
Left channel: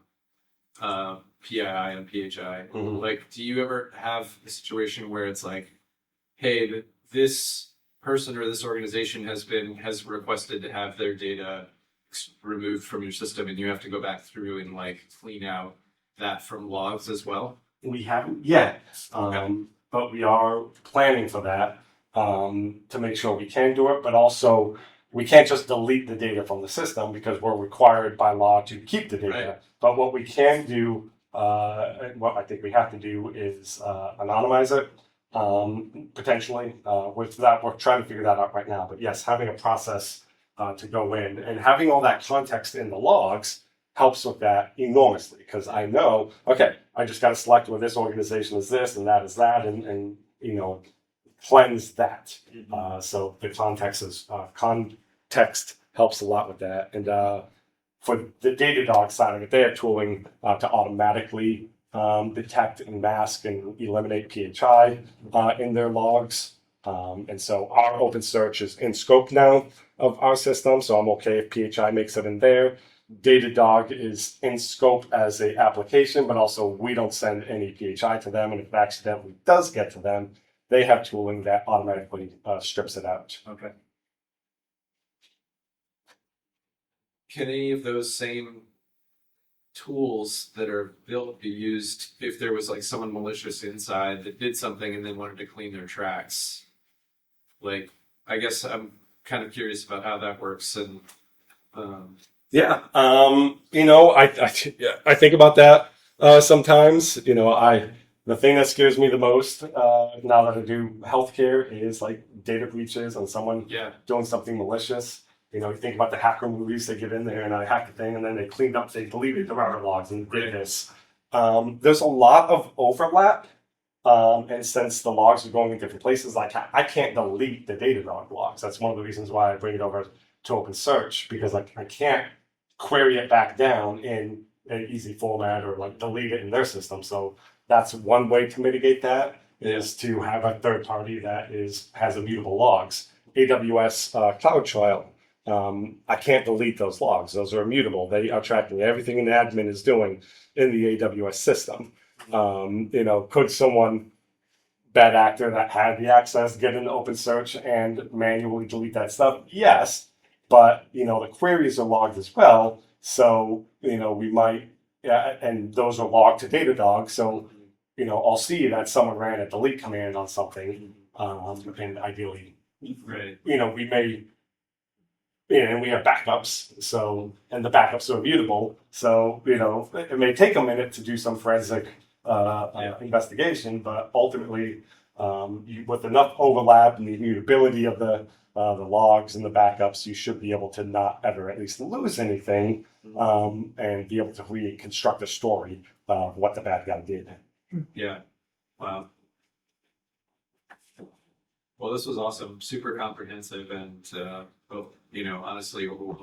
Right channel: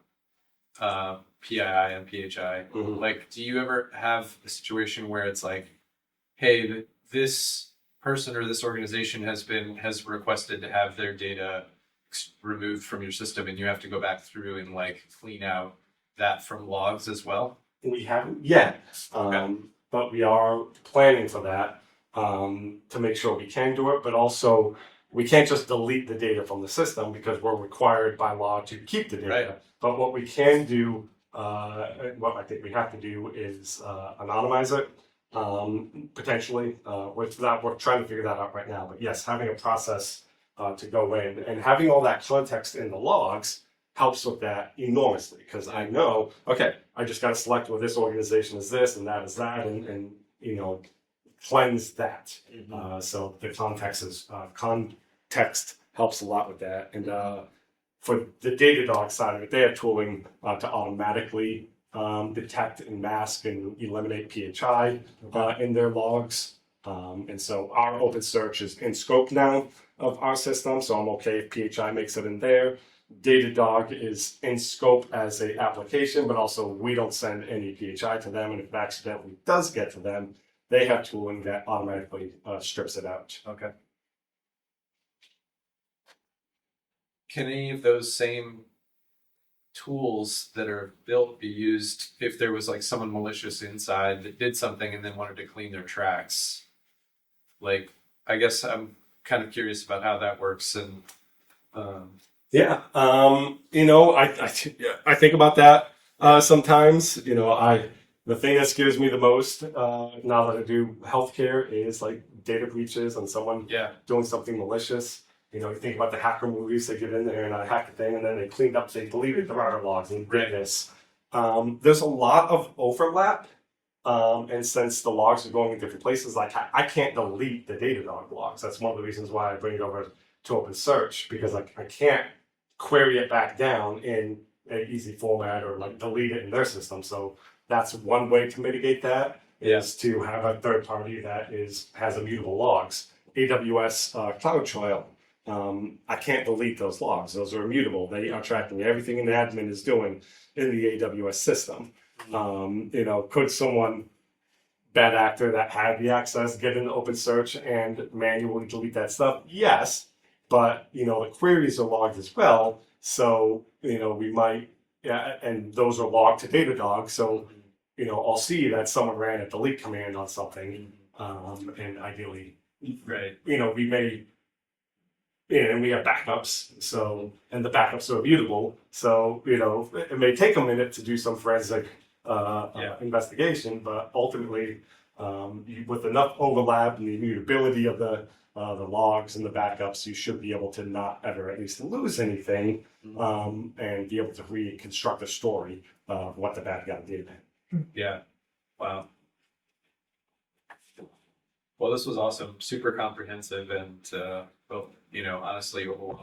PII and PHI. Like, do you ever have a situation where it's like, hey, this person or this organization has requested to have their data removed from your system, and you have to go back through and clean out that from logs as well? We haven't yet, but we are planning for that to make sure we can do it. But also, we can't just delete the data from the system because we're required by law to keep the data. Right. But what we can do, what I think we have to do, is anonymize it potentially. We're trying to figure that out right now. But yes, having a process to go in and having all that context in the logs helps with that enormously because I know, okay, I just got to select where this organization is this and that is that and cleanse that. So the context helps a lot with that. And for the Datadog side of it, they have tooling to automatically detect and mask and eliminate PHI in their logs. And so our open search is in scope now of our system, so I'm okay if PHI makes it in there. Datadog is in scope as a application, but also we don't send any PHI to them, and if it accidentally does get to them, they have tooling that automatically strips it out. Okay. Can any of those same tools that are built be used if there was someone malicious inside that did something and then wanted to clean their tracks? I guess I'm kind of curious about how that works. And yeah, I think about that sometimes. The thing that scares me the most now that I do healthcare is data breaches and someone doing something malicious. You think about the hacker movies, they get in there and I hack the thing and then they deleted the router logs and did this. There's a lot of overlap. And since the logs are going in different places, I can't delete the Datadog logs. That's one of the reasons why I bring it over to OpenSearch, because I can't query it back down in an easy format or delete it in their system. So that's one way to mitigate that is to have a third party that has immutable logs. AWS CloudTrail I can't delete those logs. Those are immutable. They are tracking everything the admin is doing in the AWS system. Could someone, bad actor that had the access, get into open search and manually delete that stuff? Yes, but the queries are logged as well. So we might, yeah, and those are logged to Datadog. So I'll see that someone ran a delete command on something, and ideally, Right. we may. And we have backups, so and the backups are immutable. So it may take a minute to do some forensic investigation, but ultimately, with enough overlap and the immutability of the logs and the backups, you should be able to not ever at least lose anything, and be able to reconstruct a story of what the bad guy did. Yeah. Wow. Well, this was awesome, super comprehensive, and honestly overwhelming.